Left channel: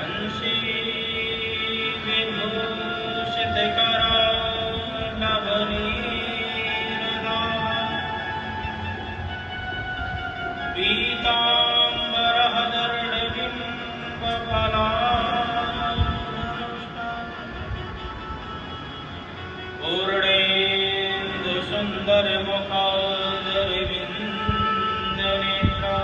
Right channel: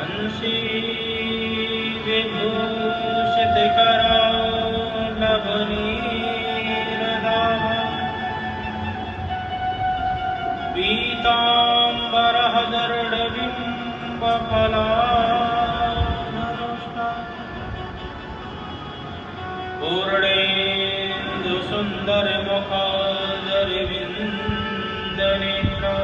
बंशी विभूषित करालवनीरदाः पीताम्बरः दर्ढबिम्बफलाधरोष्टा पूर्णेन्दुसुन्दरमुखादरविन्दनेत्रा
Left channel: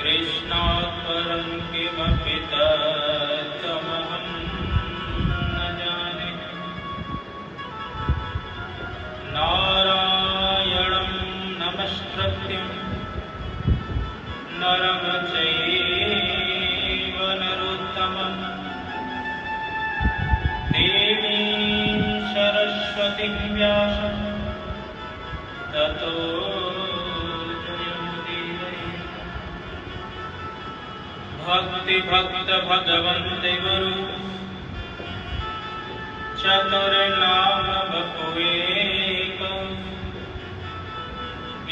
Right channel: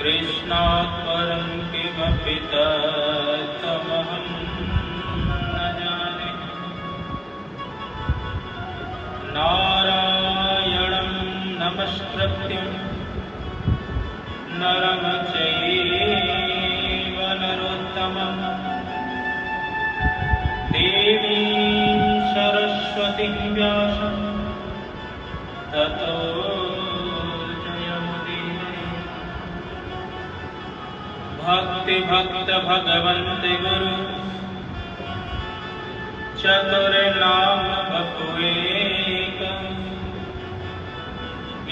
कृष्णात् परं किमपि तत्त्वमहं न जाने। नारायणं नमस्कृत्य नरं चैव नरोत्तमं देवीं सरस्वतीं व्यासं ततो भक्ति भक्त भगवन्त गुरु चतुर नाम बपुएक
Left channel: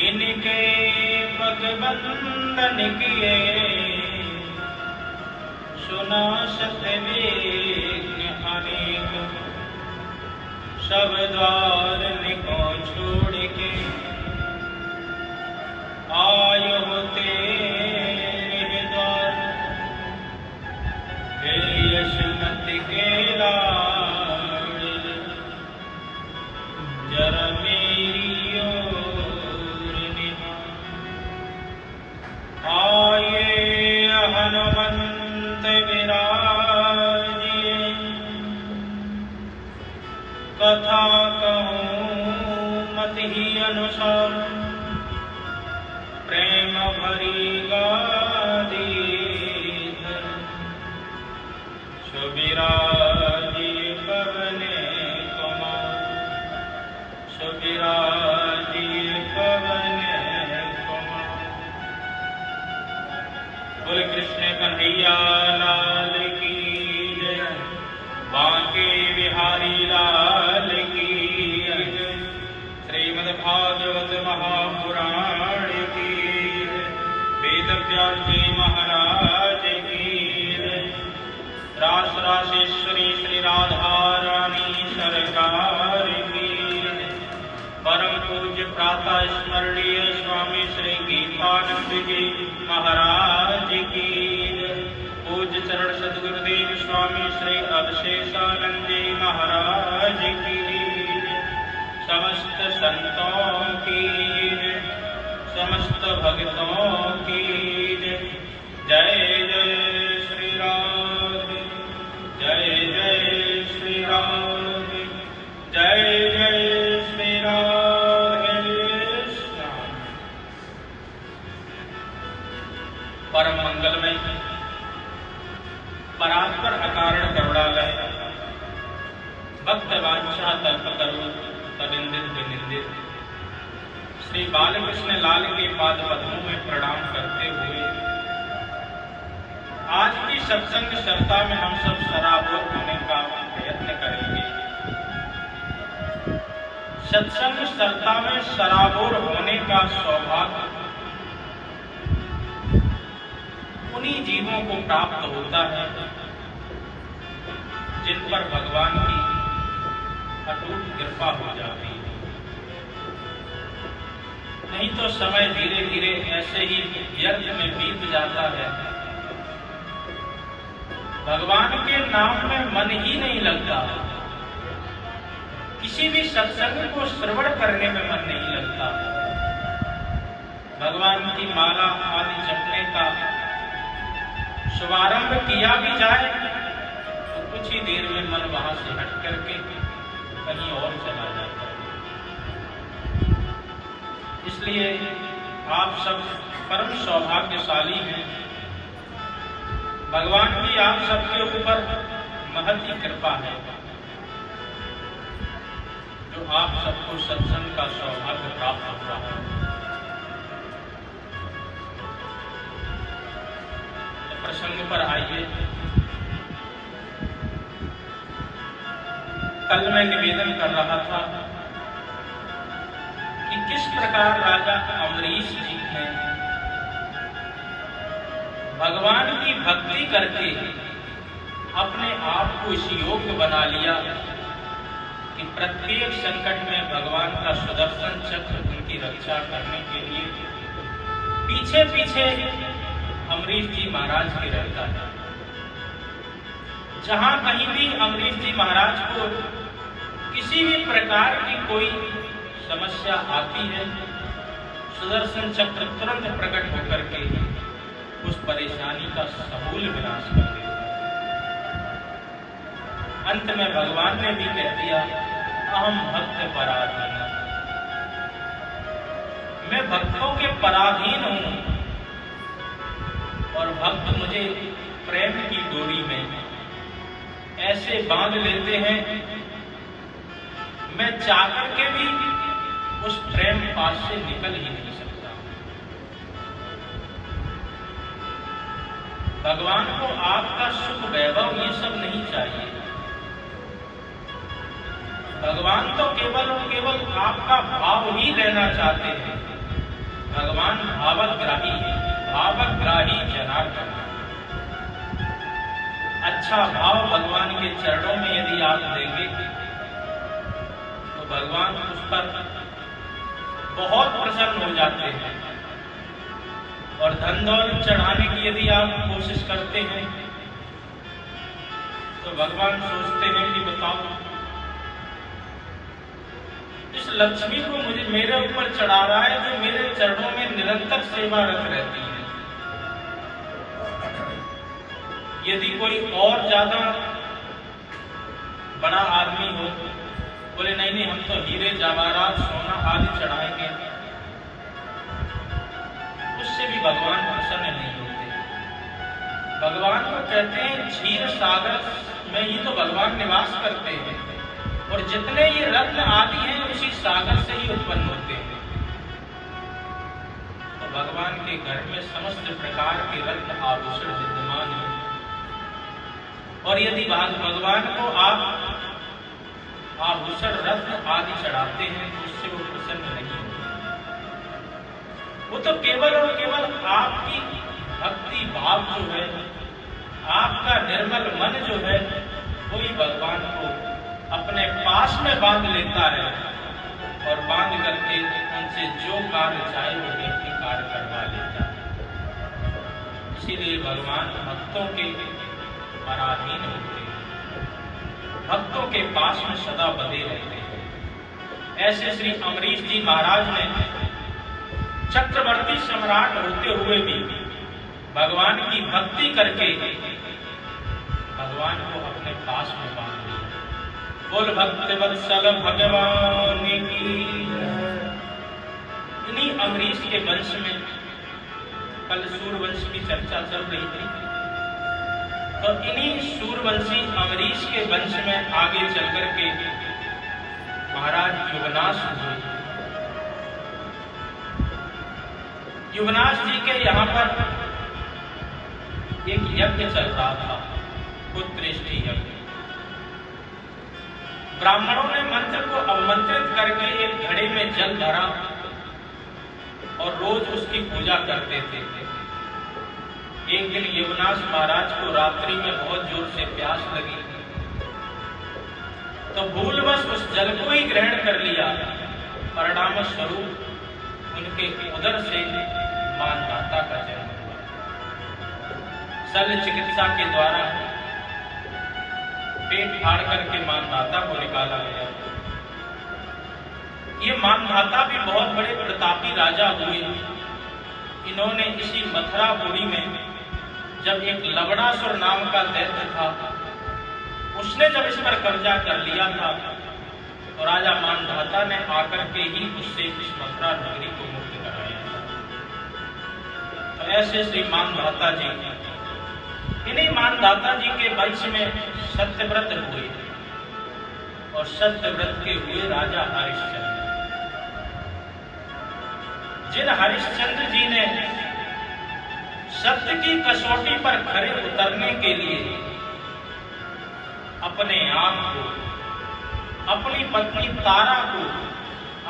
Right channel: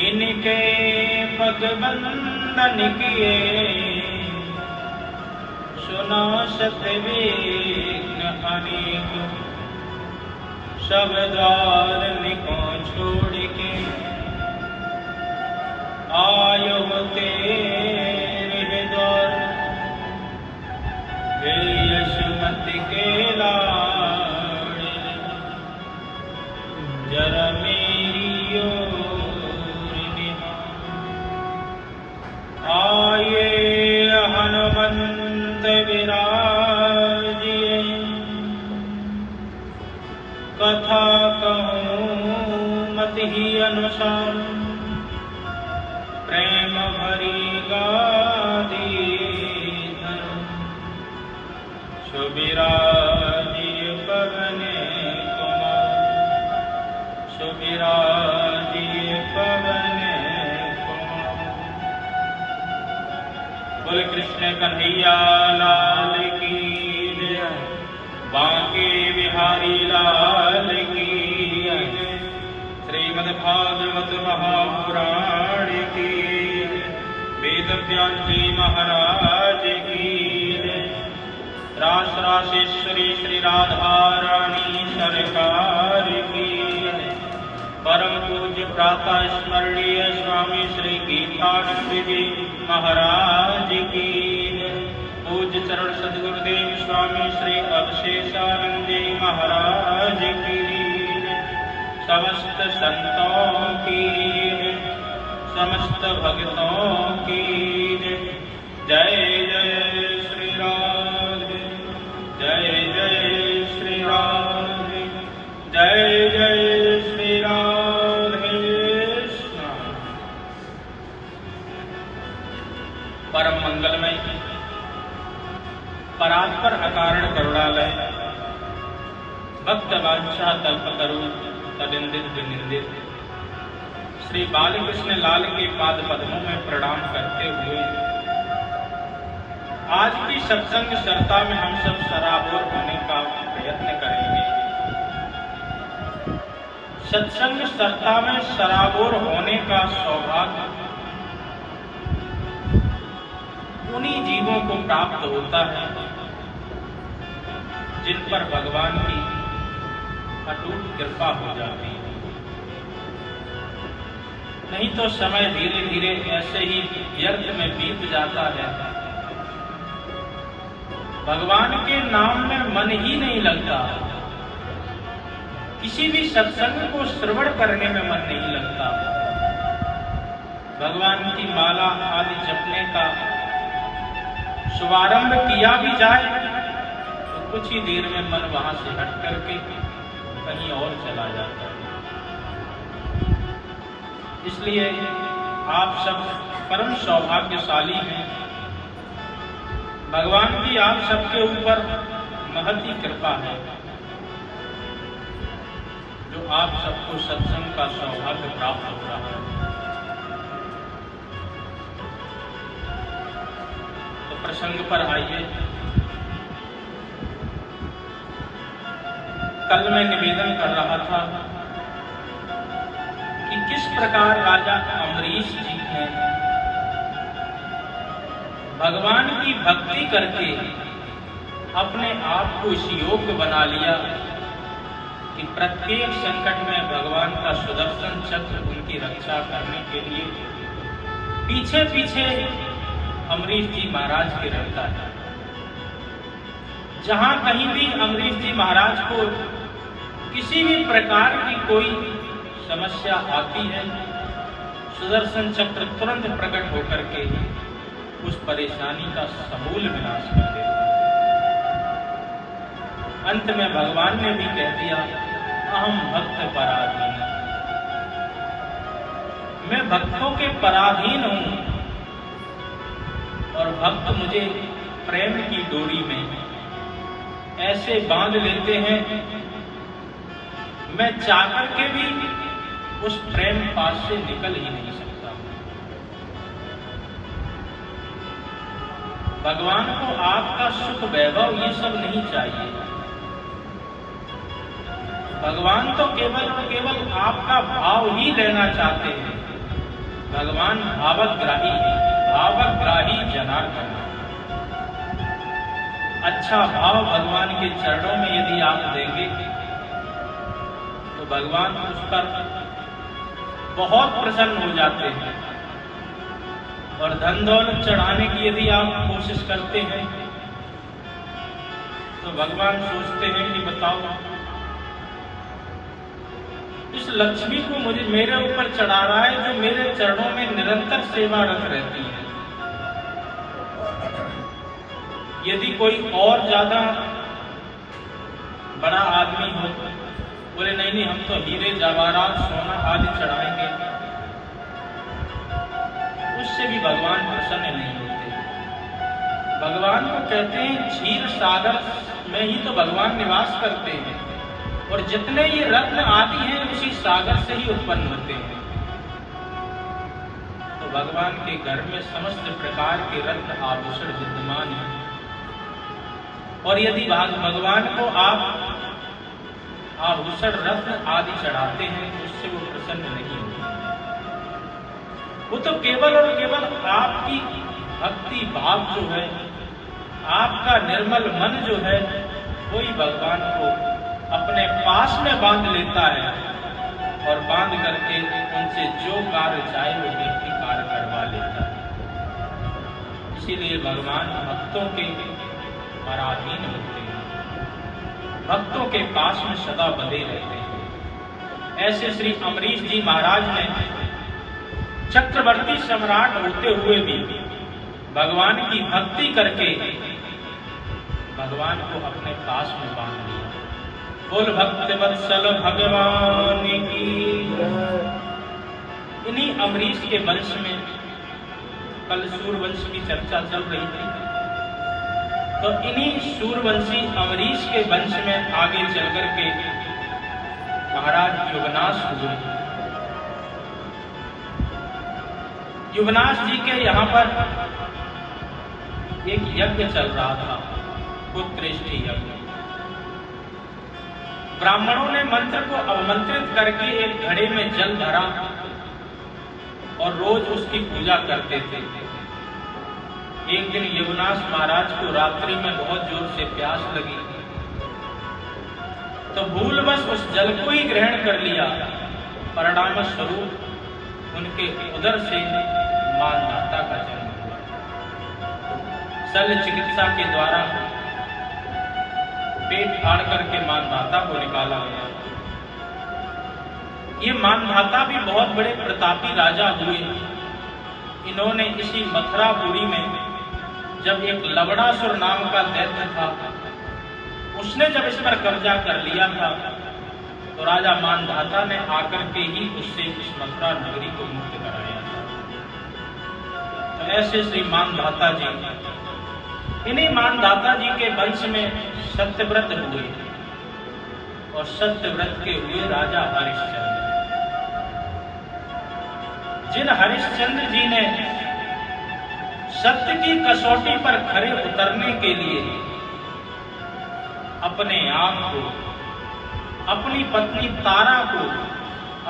इनके भगवंदन किए सुना सतविघ्न अनेक सब द्वार निको छोड़ के आयो तेरे द्वार यशमति के लाड़ जरा मेरी ओर निहार। आये हनुमंत विराजिए कथा कहूँ मत ही अनुसार प्रेम भरी गादी सुबिराजिए पवन कुमार सुबिराजिए पवन कुमार। बोले कृष्ण कन्हैया लाल की जय बांके बिहारी लाल की जय श्रीमद् भागवत महापुराण की वेद व्यास जी महाराज की रास रासेश्वरी श्री राधा रानी सरकार की परम पूज्य प्रातः स्मरणीय स्वामी श्री गीतानंद जी महाराज की पूज्य चरण सद्गुरुदेव स्वामी श्री अवशेषानंद जी महाराज की समस्त संतों की समस्त भक्तों की जय जय श्री राम जय जय श्री राम जय जय श्री राधे। परम मंगलमय परात्पर अकारण करुणालय भक्त वांछा कल्पतरु तदिंदित विनिंदित श्री बालकृष्ण लाल के पाद पद्मों में प्रणाम करते हुए आज की सत्संग चर्चा में हम सब सराबोर होने का प्रयत्न करेंगे। सत्संग चर्चा में सराबोर होने का सौभाग्य उन्हीं जीवों को प्राप्त होता है जिन पर भगवान की अटूट कृपा हो जाती है। नहीं तो समय धीरे धीरे ऐसे ही व्यर्थ में बीत जाता है। भगवान के नाम में मन ही नहीं लगता। किसी भी सत्संग को श्रवण करने में मन नहीं लगता। भगवान की माला आदि जपने का शुभारंभ किया भी जाए तो कुछ ही देर में मन वहां से हट करके कहीं और चला जाता है। इसलिए आप सब परम सौभाग्यशाली हैं। भगवान की आप सबके ऊपर महती कृपा है जो आप सबको सत्संग का सौभाग्य प्राप्त हो रहा है। तो प्रसंग पर आइए। कल मैं निवेदन कर रहा था कि किस प्रकार राजा अमरीश जी ने भगवान की भक्ति करके अपने आप को इस योग्य बना लिया कि प्रत्येक संकट में भगवान का सुदर्शन चक्र उनकी रक्षा करने के लिए पीछे पीछे अमरीश जी महाराज के रहता है। जहां कहीं भी अमरीश जी महाराज को किसी भी प्रकार की कोई समस्या आती है, सुदर्शन चक्र तुरंत प्रकट होकर के उस परेशानी का समूल विनाश कर देता है। अंत में भगवान ने भी कह दिया, अहम भक्त पराधीन, मैं भक्तों के पराधीन हूं और भक्त मुझे प्रेम की डोरी में ऐसे बांध लेते हैं, मैं चाहकर के भी उस प्रेम पास से निकल ही नहीं सकता। भगवान को आपका सुख वैभव ये सब नहीं चाहिए। भगवान तो केवल और केवल आपका भाव ही लेना चाहते हैं। भगवान भावग्राही है, भावग्राही जनार्दन। अच्छा भाव भगवान के चरणों में यदि आप देंगे तो भगवान उस पर बहुत प्रसन्न हो जाते हैं। और धन दौलत चढ़ाने की यदि आप कोशिश करते हैं तो भगवान सोचते हैं कि बताओ, इस लक्ष्मी को मुझे मेरे ऊपर चढ़ा रहा है जो मेरे चरणों में निरंतर सेवारत रहती है। यदि कोई और ज्यादा बड़ा आदमी हो, बोले नहीं नहीं हम तो हीरे जवाहरात सोना आदि चढ़ाएंगे, उससे भी भगवान प्रसन्न नहीं होते। भगवान को कहते हैं क्षीर सागर में ही तो भगवान निवास करते हैं और जितने ये रत्न आदि हैं उसी सागर से ही उत्पन्न होते हैं। तो भगवान के घर में समस्त प्रकार के रत्न आभूषण विद्यमान हैं और यदि भगवान को आप आभूषण रत्न आदि चढ़ाते हैं तो उससे वो प्रसन्न नहीं होते। वो तो केवल और केवल आपकी भक्ति भाव जो है, आपका निर्मल मन जो है, वही भगवान को अपने पास में बांध लेता है और बांध करके उनसे जो कार्य चाहे वो व्यक्ति कार्य करवा लेता है। इसीलिए भगवान भक्तों के पराधीन होते हैं, भक्तों के पास में सदा बंधे रहते हैं। ऐसे श्री अमरीश जी महाराज ने चक्रवर्ती सम्राट होते हुए भी भगवान की भक्ति करके भगवान को अपने पास में बांध लिया। बोल भक्त वत्सल भगवान की। इन्हीं अमरीश के वंश में कल सूर्यवंश की चर्चा चल रही थी, तो इन्हीं सूर्यवंशी अमरीश के वंश में आगे चल करके महाराज युवनाश हुए। युवनाश जी के यहाँ पर एक यज्ञ चल रहा था, पुत्रेष्टि यज्ञ। ब्राह्मणों ने मंत्र को अवमंत्रित करके एक घड़े में जल भरा और रोज उसकी पूजा करते थे। एक दिन युवनाश महाराज को रात्रि में बहुत जोर से प्यास लगी तो भूलवश उस जल को ही ग्रहण कर लिया। परिणाम स्वरूप उनके उदर से मानधाता का जन्म हुआ। शल्य चिकित्सा के द्वारा पेट फाड़ करके मानधाता को निकाला गया। ये मानधाता भी बहुत बड़े प्रतापी राजा हुए। इन्होंने इसी मथुरापुरी में जब एक लवणासुर नाम का दैत्य था, उसने जब इस पर कब्जा कर लिया था तो राजा मानधाता ने आकर के ही उससे इस मथुरा नगरी को मुक्त कराया था। तो ऐसे श्री मानधाता जी, इन्हीं मानधाता जी के वंश में सत्यव्रत हुए और सत्यव्रत के हुए राजा हरिश्चंद्र। जिन हरिश्चंद्र जी ने सत्य की कसौटी पर खरे उतरने के लिए अपने आप को, अपनी पत्नी तारा को,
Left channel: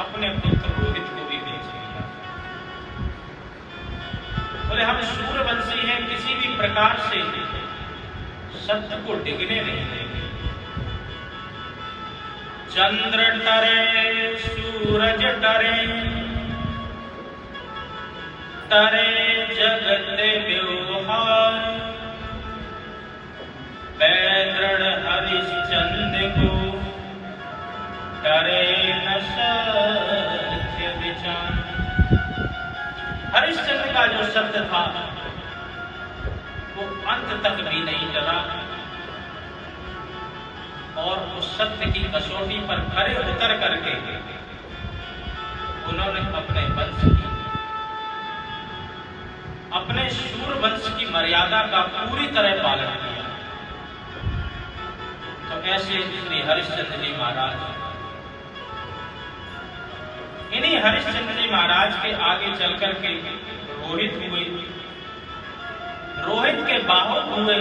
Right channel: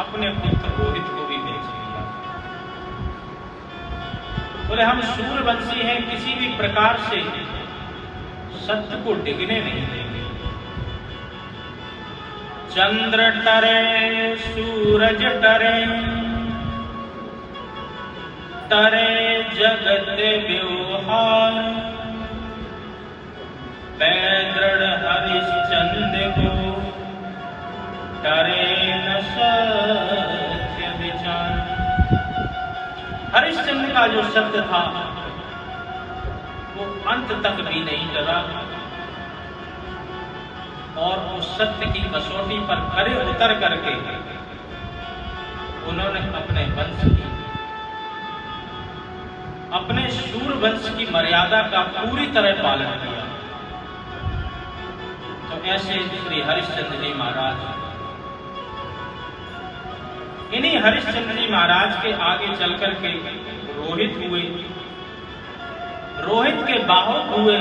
अपने पुत्र रोहित को भी बेच दिया। बोले हम सूर्यवंशी हैं, किसी भी प्रकार से सत्य को डिगने नहीं देंगे। चंद्र टरे सूरज टरे, टरे जगत व्यवहार, बैदृढ़ हरिश्चंद्र को टरे न सत्य विचार। हरिश्चंद्र का जो सत्य था वो अंत तक भी नहीं डरा और उस सत्य की कसौटी पर खरे उतर करके उन्होंने अपने वंश की, अपने शूर वंश की मर्यादा का पूरी तरह पालन किया। तो ऐसे श्री हरिश्चंद्र जी महाराज, इन्हीं हरिश्चंद्र जी महाराज के आगे चलकर के रोहित हुए, रोहित के बाहुक हुए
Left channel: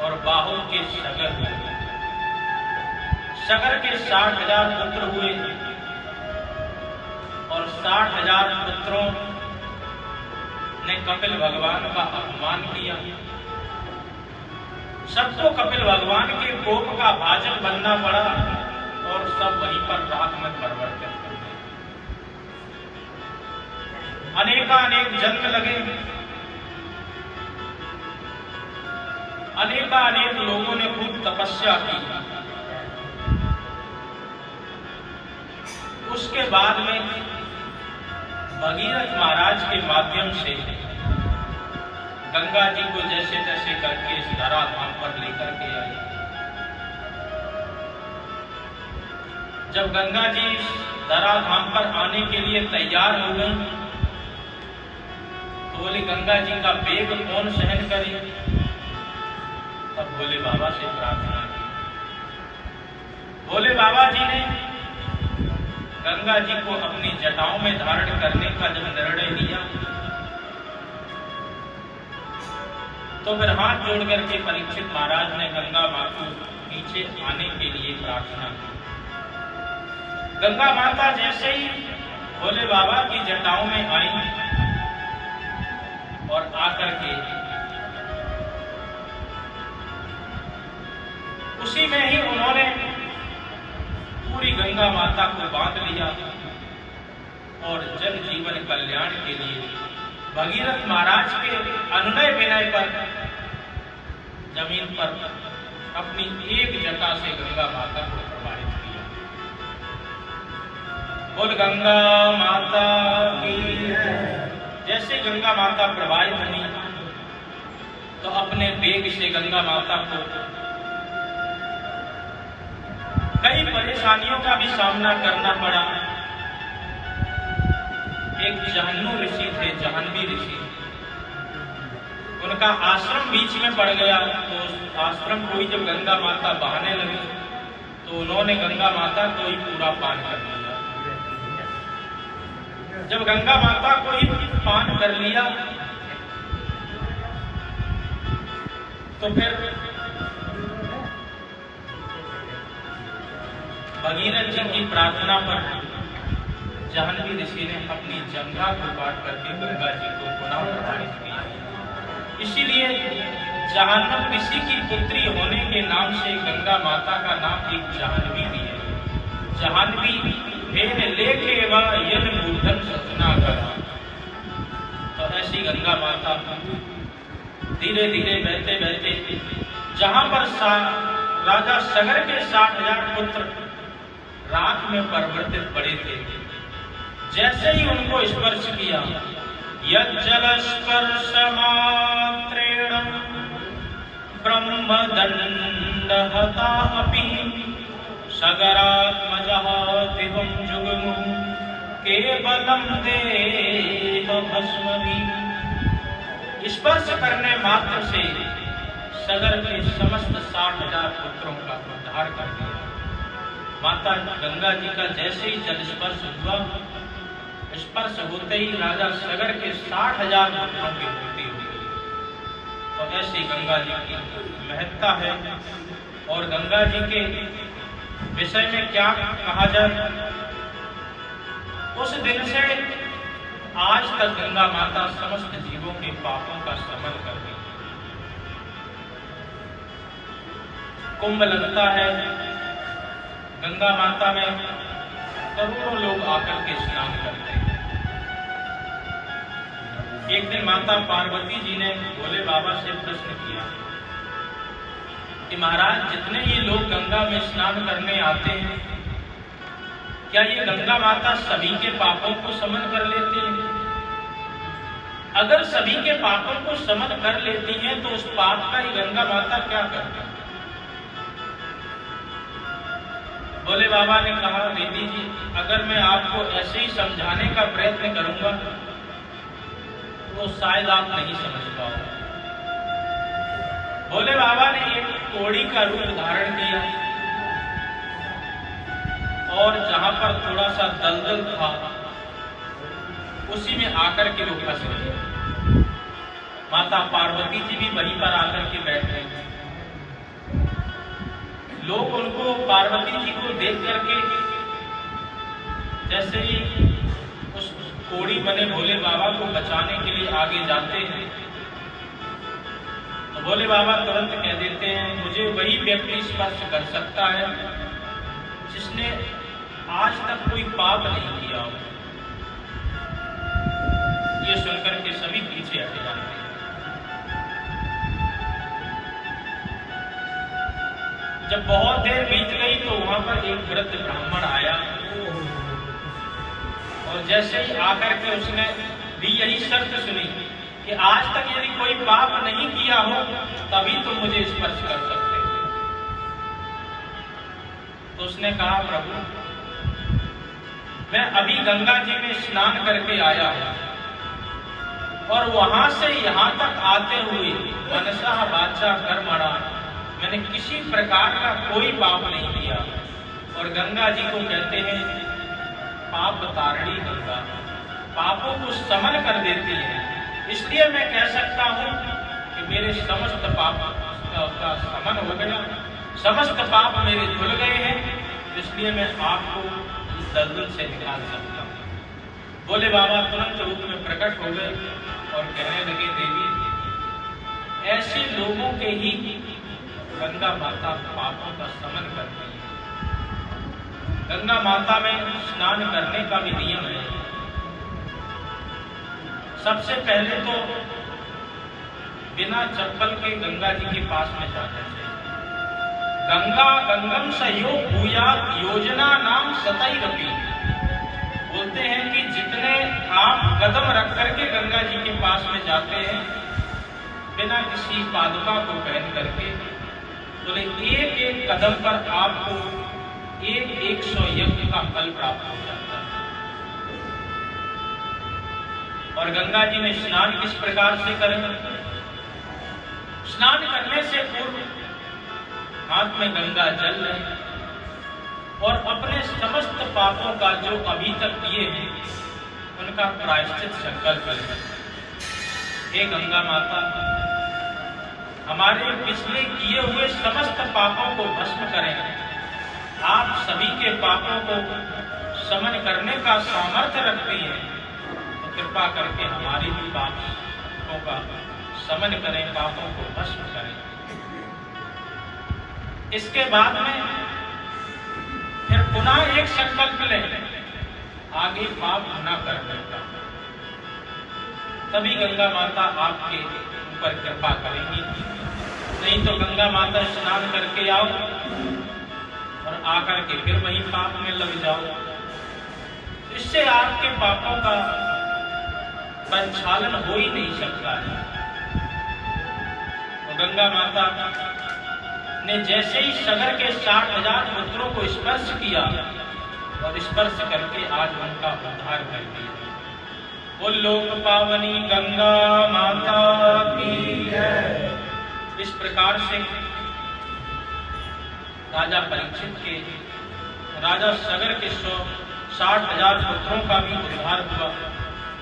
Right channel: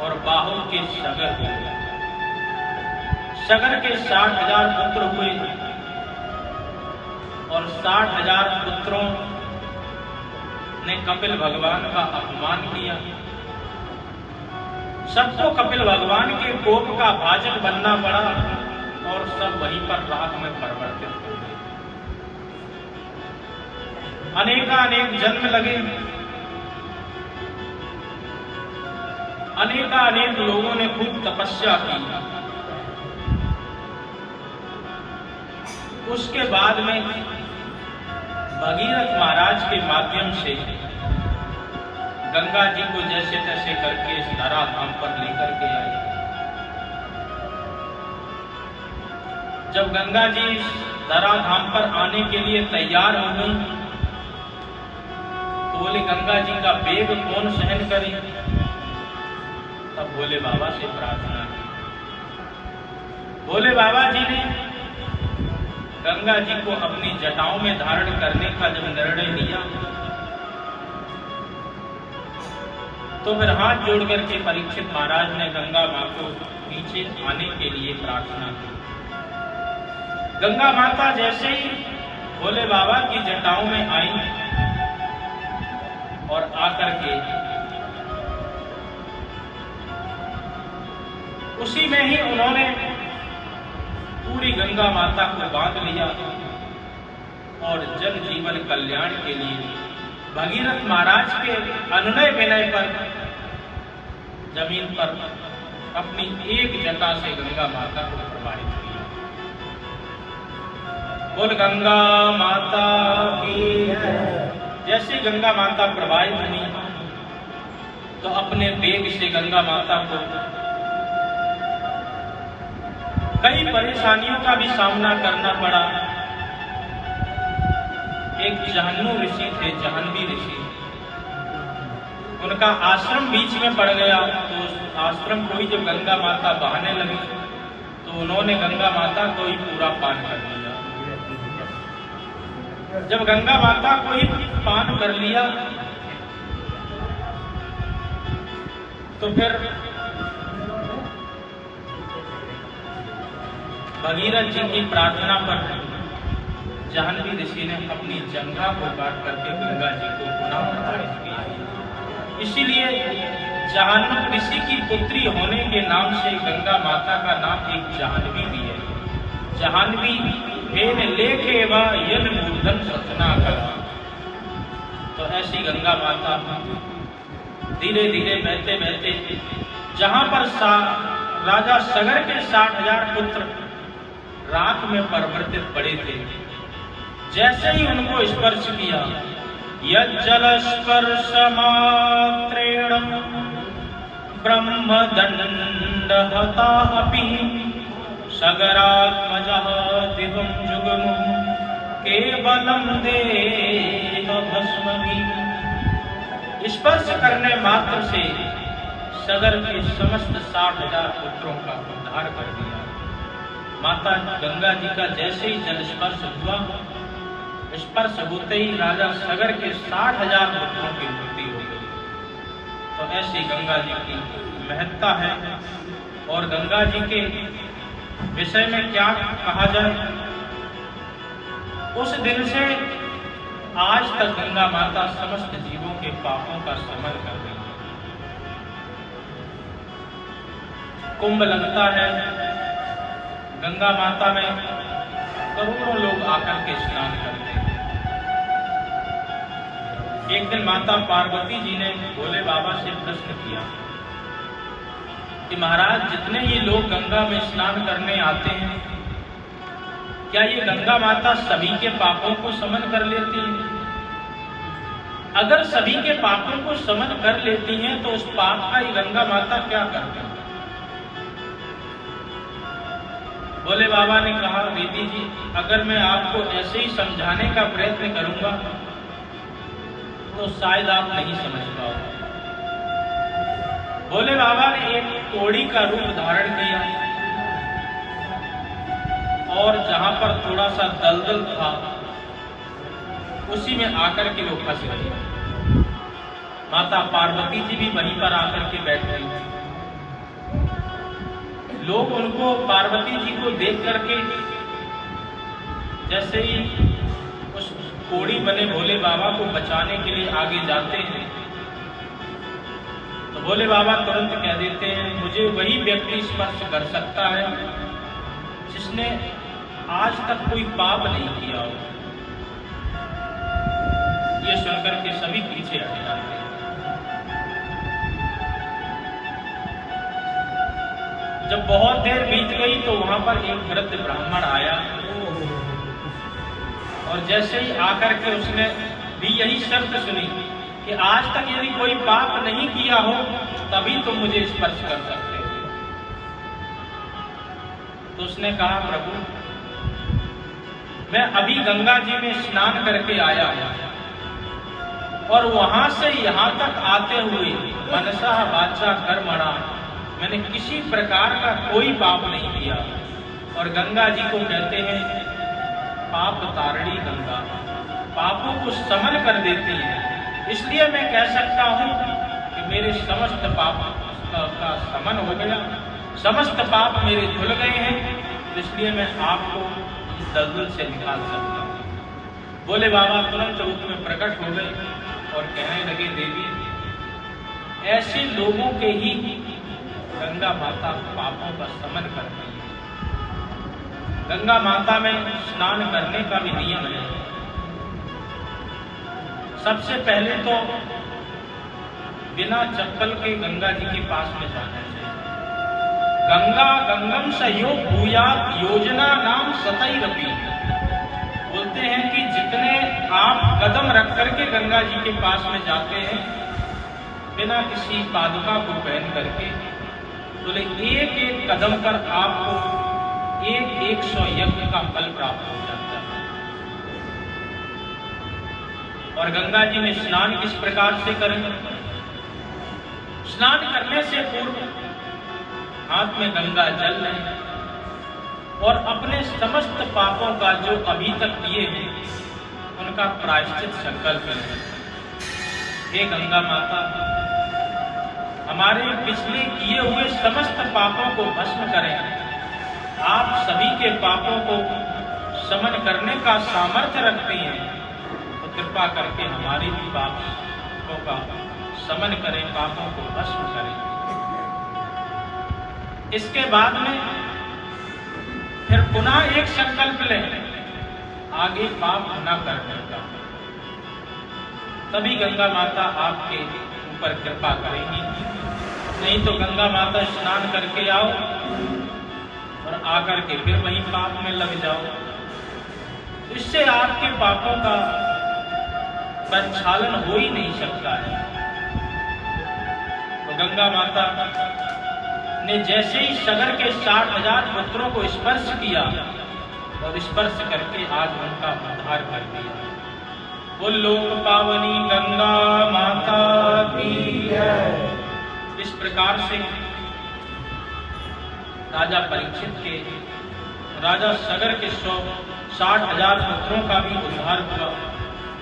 और बाहुक के सगर हुए। सगर के 60,000 पुत्र हुए और 60,000 पुत्रों ने कपिल भगवान का अपमान किया। सबको कपिल भगवान के कोप का भाजक बनना पड़ा और सब वहीं पर राख में परिवर्तित हो गए। अनेकानेक जन्म लगे, अनेकानेक लोगों ने खूब तपस्या की। उसके बाद में भगीरथ महाराज के माध्यम से गंगा जी को जैसे तैसे करके इस धरा धाम पर लेकर के आए। जब गंगा जी धरा धाम पर आने के लिए तैयार हो गई तो बोले गंगा जी का वेग कौन सहन करे। तब भोले बाबा से प्रार्थना की। भोले बाबा जी ने गंगा जी को अपनी जटाओं में धारण करने का जब निर्णय लिया तो फिर हाथ जोड़ करके परीक्षित महाराज ने गंगा मां को नीचे आने के लिए प्रार्थना की। गंगा माता जैसे ही भोले बाबा की जटाओं में आई और आकर के उसी में ही उन्होंने पूरी गंगा माता को बांध लिया और जन जीवन कल्याण के लिए भगीरथ महाराज के अनुनय विनय पर जमीन पर अपनी एक जटा से गंगा माता को प्रवाहित किया। बोल गंगा माता की। जैसे गंगा माता प्रवाहित हुई तो अपने वेग से गंगा माता को कई परेशानियों का भी सामना करना पड़ा। एक जाह्नू ऋषि थे, जाह्नवी ऋषि, उनका आश्रम बीच में पड़ गया। तो उस आश्रम को ही जब गंगा माता बहाने लगी तो उन्होंने गंगा माता को ही पूरा पान कर लिया। जब गंगा माता को ही पान कर लिया तो फिर भगीरथ जी की प्रार्थना पर जाह्नवी ऋषि ने अपनी जंघा को काट करके गंगा जी को पुनः प्रवाहित किया। इसीलिए जाह्नवी ऋषि की पुत्री होने के नाम से गंगा माता का नाम एक जाह्नवी भी है। जाह्नवी फेन लेके व यन मूर्धन सतना करा। तो ऐसी गंगा माता धीरे धीरे बहते बहते जहां पर राजा सगर के 60,000 पुत्र राख में परिवर्तित पड़े थे, जैसे ही उनको स्पर्श किया यज्जल स्पर्श मात्रेण ब्रह्मदंड हता अपि सगरात्मजः दिवं जुगमु केवलम देह भस्मभि। स्पर्श करने मात्र से सगर के समस्त 60,000 पुत्रों का उद्धार कर दिया। माता गंगा जी का जैसे ही जल स्पर्श हुआ, स्पर्श होते ही राजा सगर के 60,000 पुत्रों की मृत्यु हो गई। तो ऐसी गंगा जी की महत्ता है। और गंगा जी के विषय में क्या कहा जाए, उस दिन से आज तक गंगा माता समस्त जीवों के पापों का शमन कर रही है। कुंभ लगता है, गंगा माता में करोड़ों लोग आकर के स्नान करते हैं। एक दिन माता पार्वती जी ने भोले बाबा से प्रश्न किया कि महाराज, जितने ही लोग गंगा में स्नान करने आते हैं, क्या ये गंगा माता सभी के पापों को शमन कर लेती है? अगर सभी के पापों को शमन कर लेती हैं तो उस पाप का ये गंगा माता क्या करती है? भोले बाबा ने कहा, बेटी जी, अगर मैं आपको ऐसे ही समझाने का प्रयत्न करूंगा तो शायद आप नहीं समझ पाओगे। भोले बाबा ने एक कोड़ी का रूप धारण किया और जहां पर थोड़ा सा दलदल था उसी में आकर के वो फंस गए। माता पार्वती जी भी वहीं पर आकर के बैठ गई। लोग उनको, पार्वती जी को देख करके जैसे ही उस कोड़ी बने भोले बाबा को बचाने के लिए आगे जाते हैं तो भोले बाबा तुरंत कह देते हैं, मुझे वही व्यक्ति स्पर्श कर सकता है जिसने आज तक कोई पाप नहीं किया हो। ये सुनकर के सभी पीछे हट जाते हैं। जब बहुत देर बीत गई तो वहां पर एक वृद्ध ब्राह्मण आया और जैसे ही आकर के उसने भी यही शर्त सुनी कि आज तक यदि कोई पाप नहीं किया हो तभी तुम मुझे स्पर्श कर सकते हो। तो उसने कहा, प्रभु, मैं अभी गंगा जी में स्नान करके आया हूं और वहां से यहां तक आते हुए मनसा वाचा कर्मणा मैंने किसी प्रकार का कोई पाप नहीं किया। और गंगा जी को कहते हैं पाप तारणी गंगा, पापों को शमन कर देती है। इसलिए मैं कह सकता हूं कि मेरे समस्त पाप का शमन हो गया, समस्त पाप मेरे धुल गए हैं, इसलिए मैं आपको दलदल से निकाल सकता हूं। भोले बाबा तुरंत रूप में प्रकट हो गए और कहने लगे, देवी, ऐसे लोगों के ही गंगा माता पापों का शमन करती है। गंगा माता में स्नान करने का भी नियम है। सबसे पहले तो बिना चप्पल के गंगा जी के पास में जाना चाहिए। गंगा गंगम सहयोग भूया योजना नाम सतई रपी। बोलते हैं कि जितने आप कदम रख करके गंगा जी के पास में जाते हैं बिना किसी पादुका को पहन करके, बोले एक एक कदम पर आपको 100 यज्ञ का फल प्राप्त हो जाता है। और गंगा जी में स्नान किस प्रकार से करें? स्नान करने से पूर्व हाथ में गंगा जल लें और अपने समस्त पापों का जो अभी तक किए हैं उनका प्रायश्चित संकल्प करें। हे गंगा माता, हमारे पिछले किए हुए समस्त पापों को भस्म करें। आप सभी के पापों को शमन करने का सामर्थ्य रखते हैं, तो कृपा करके हमारी भी पापों का शमन करें, पापों को भस्म करें। इसके बाद में फिर पुनः एक संकल्प लें, आगे पाप न करने का। तभी गंगा माता आपके ऊपर कृपा करेंगी। नहीं तो गंगा माता स्नान करके आओ और आकर के फिर वहीं पाप में लग जाओ, इससे आपके पापों का प्रक्षालन हो ही नहीं सकता है। तो गंगा माता ने जैसे ही सगर के 60,000 पुत्रों को स्पर्श किया और स्पर्श करके आज उनका उद्धार कर दिया। वो लोक पावनी गंगा माता की है। इस प्रकार से राजा परीक्षित के, राजा सगर के 60,000 पुत्रों का भी उद्धार हुआ।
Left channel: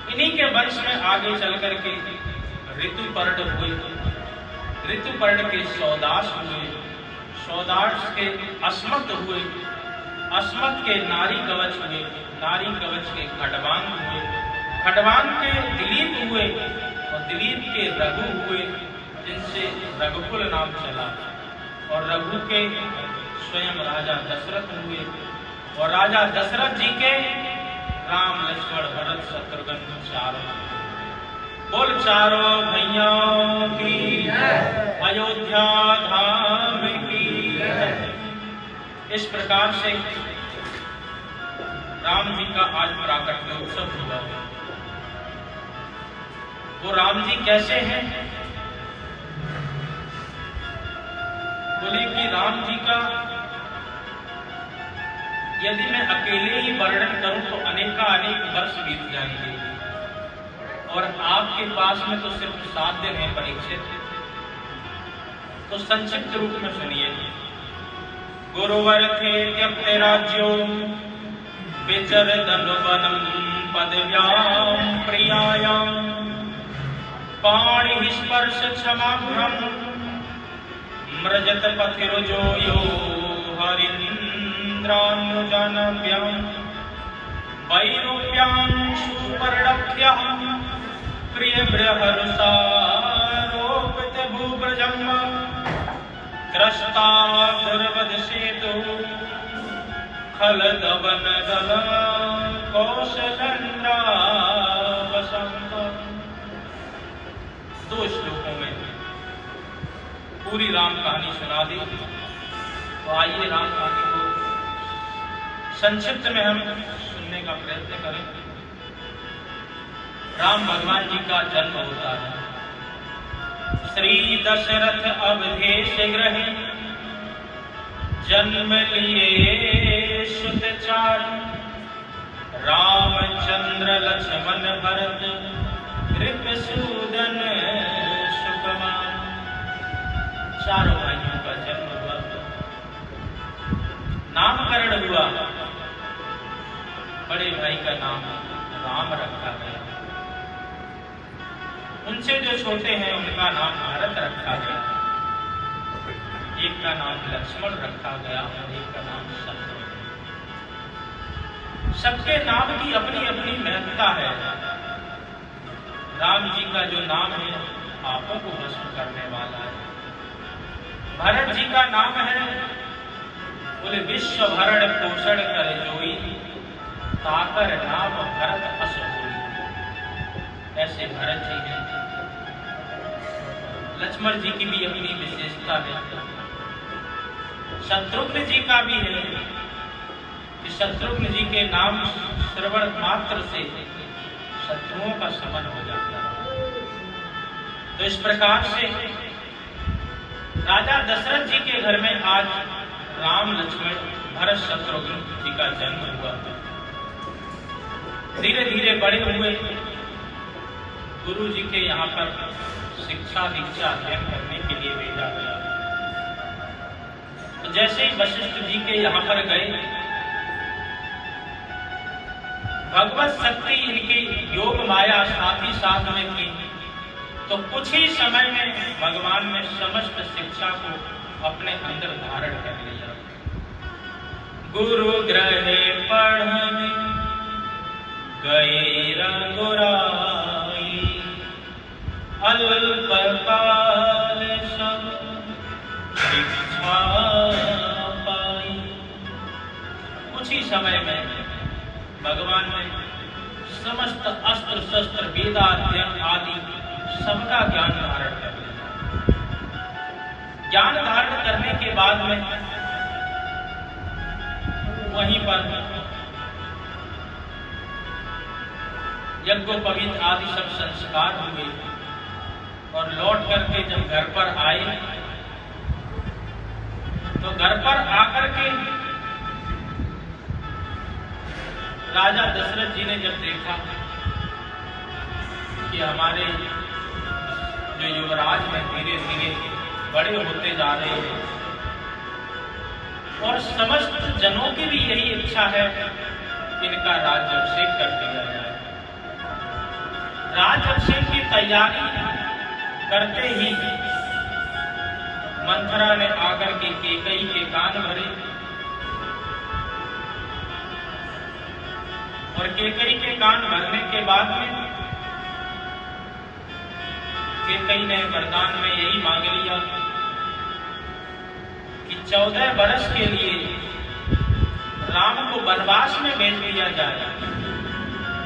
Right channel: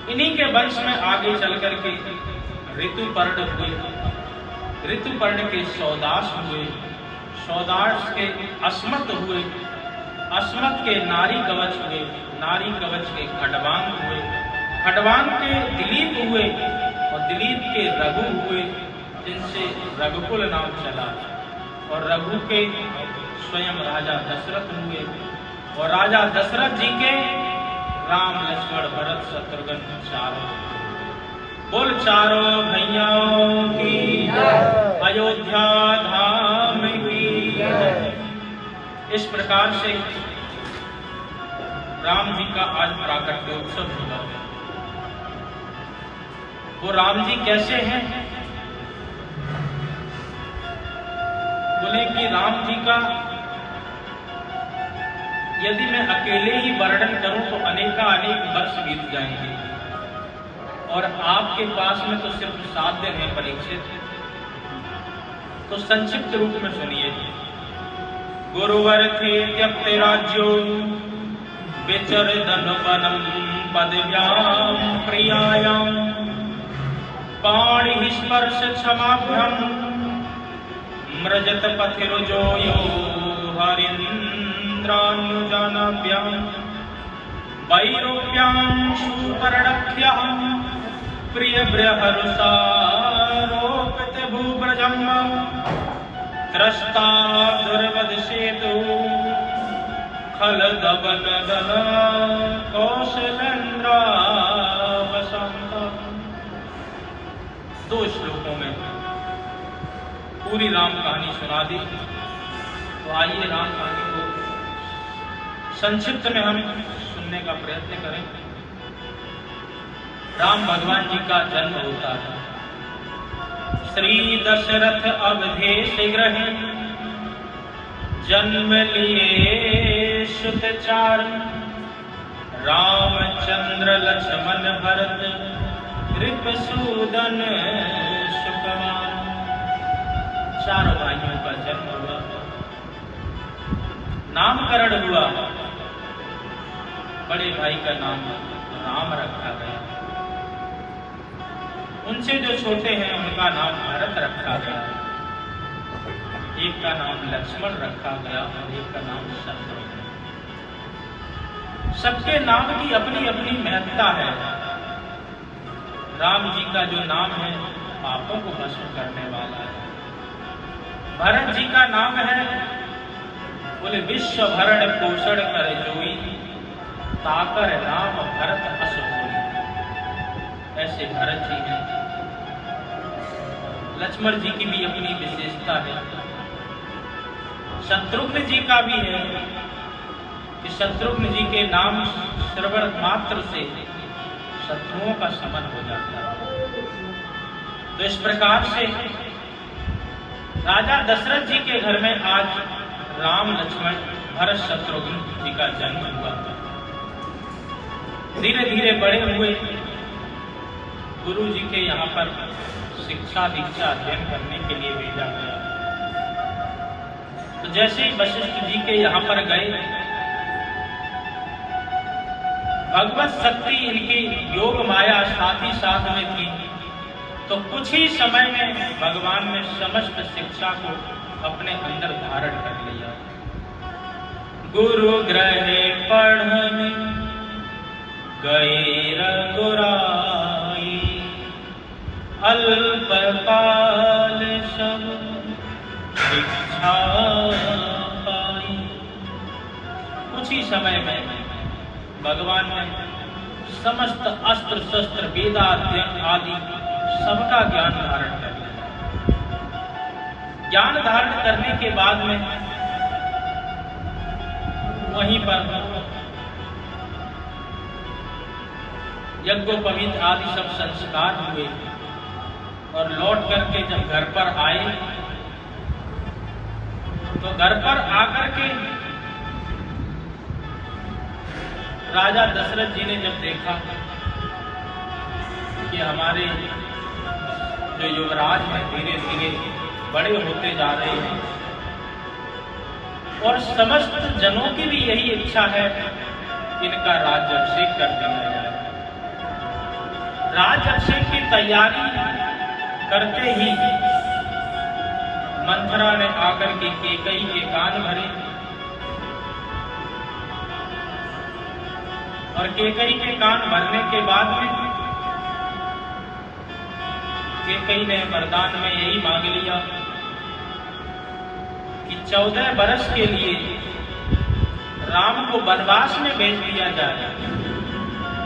इन्हीं के वंश में आगे चल करके ऋतुपर्ण हुए, ऋतुपर्ण के सौदास हुए, सौदास के अस्मत हुए, अस्मत के नारी कवच हुए, नारी कवच के खडवांग हुए, खडवान के दिलीप हुए और दिलीप के रघु हुए, जिनसे रघुकुल नाम चला, और रघु के स्वयं राजा दशरथ हुए, और राजा दशरथ जी के राम लक्ष्मण भरत शत्रुघ्न चारों। बोल चारों भैयाओं की अयोध्या धाम की। इस प्रकार से राम जी का आज प्राकट्योत्सव हुआ है। वो राम जी कैसे हैं? बोले कि राम जी का यदि मैं अकेले ही वर्णन करूं तो अनेक वर्ष बीत जाएंगे, और आपके पास में तो सिर्फ 7 दिन है परीक्षित, तो संक्षिप्त रूप में सुनिए। गुरुवर थे त्यक्ते राज्यो विचरदन वनम पदव्याम प्रियायाम पाणि स्पर्श क्षमाभ्रम मृजत पथिरुजो यो हरीन्द्रानुजानाभ्याम वैरूप्यां सुपर्णख्यां प्रिय बृहरुषारोपित भूव्रजं त्रस्ता दुर्वद सेतु खलदवन दल कौशलेन्द्रावसंत। 2 श्लोकों में पूरी राम कहानी सुना दी। तो आइए राम कहानी को संक्षिप्त में हम सुनने का प्रयत्न करें। राम भगवान जी का जन्म होता है। श्री दशरथ अवधेश गृहे जन्म लिए सुत चार, रामचंद्र लक्ष्मण भरत कृपसूदन सुकुमार। 4 भाइयों का जन्म हुआ, नामकरण हुआ। बड़े भाई का नाम राम रखा गया, उनसे जो छोटे हैं उनका नाम भरत रखा गया, एक का नाम लक्ष्मण रखा गया और एक का नाम शत्रुघ्न। सबके नाम की अपनी अपनी महत्ता है। राम जी का जो नाम है पापों को भस्म करने वाला है। भरत जी का नाम है, बोले विश्व भरण पोषण कर जोई, ताकर नाम भरत अस होई। ऐसे भरत जी हैं। लक्ष्मण जी की भी अपनी विशेषता है। शत्रुघ्न जी का भी है कि शत्रुघ्न जी के नाम श्रवण मात्र से शत्रुओं का शमन हो जाता है। तो इस प्रकार से राजा दशरथ जी के घर में आज राम लक्ष्मण भरत शत्रुघ्न जी का जन्म हुआ। धीरे धीरे बड़े हुए, गुरु जी के यहाँ पर शिक्षा दीक्षा अध्ययन करने के लिए भेजा गया। तो जैसे ही वशिष्ठ जी के यहाँ पर गए, भगवत शक्ति इनकी योग माया साथ ही साथ में थी, तो कुछ ही समय में भगवान ने समस्त शिक्षा को अपने अंदर धारण कर लिया। गुरु ग्रहे पढ़ने गए रघुराई, अल्प काल सब शिक्षा पाई। कुछ ही समय में भगवान ने समस्त अस्त्र शस्त्र वेदाध्ययन आदि सबका ज्ञान धारण कर लिया। ज्ञान धारण करने के बाद में वहीं पर यज्ञोपवीत आदि सब संस्कार हुए, और लौट करके जब घर पर आए तो घर पर आकर के राजा दशरथ जी ने जब देखा कि हमारे जो युवराज हैं धीरे धीरे बड़े होते जा रहे हैं, और समस्त जनों की भी यही इच्छा है इनका राज्याभिषेक कर दिया जाए। राज्याभिषेक की तैयारी करते ही मंथरा ने आकर के कैकेयी के कान भरे और कैकेयी के कान भरने के बाद में कैकेयी ने वरदान में यही मांग लिया कि 14 वर्ष के लिए राम को वनवास में भेज दिया जाए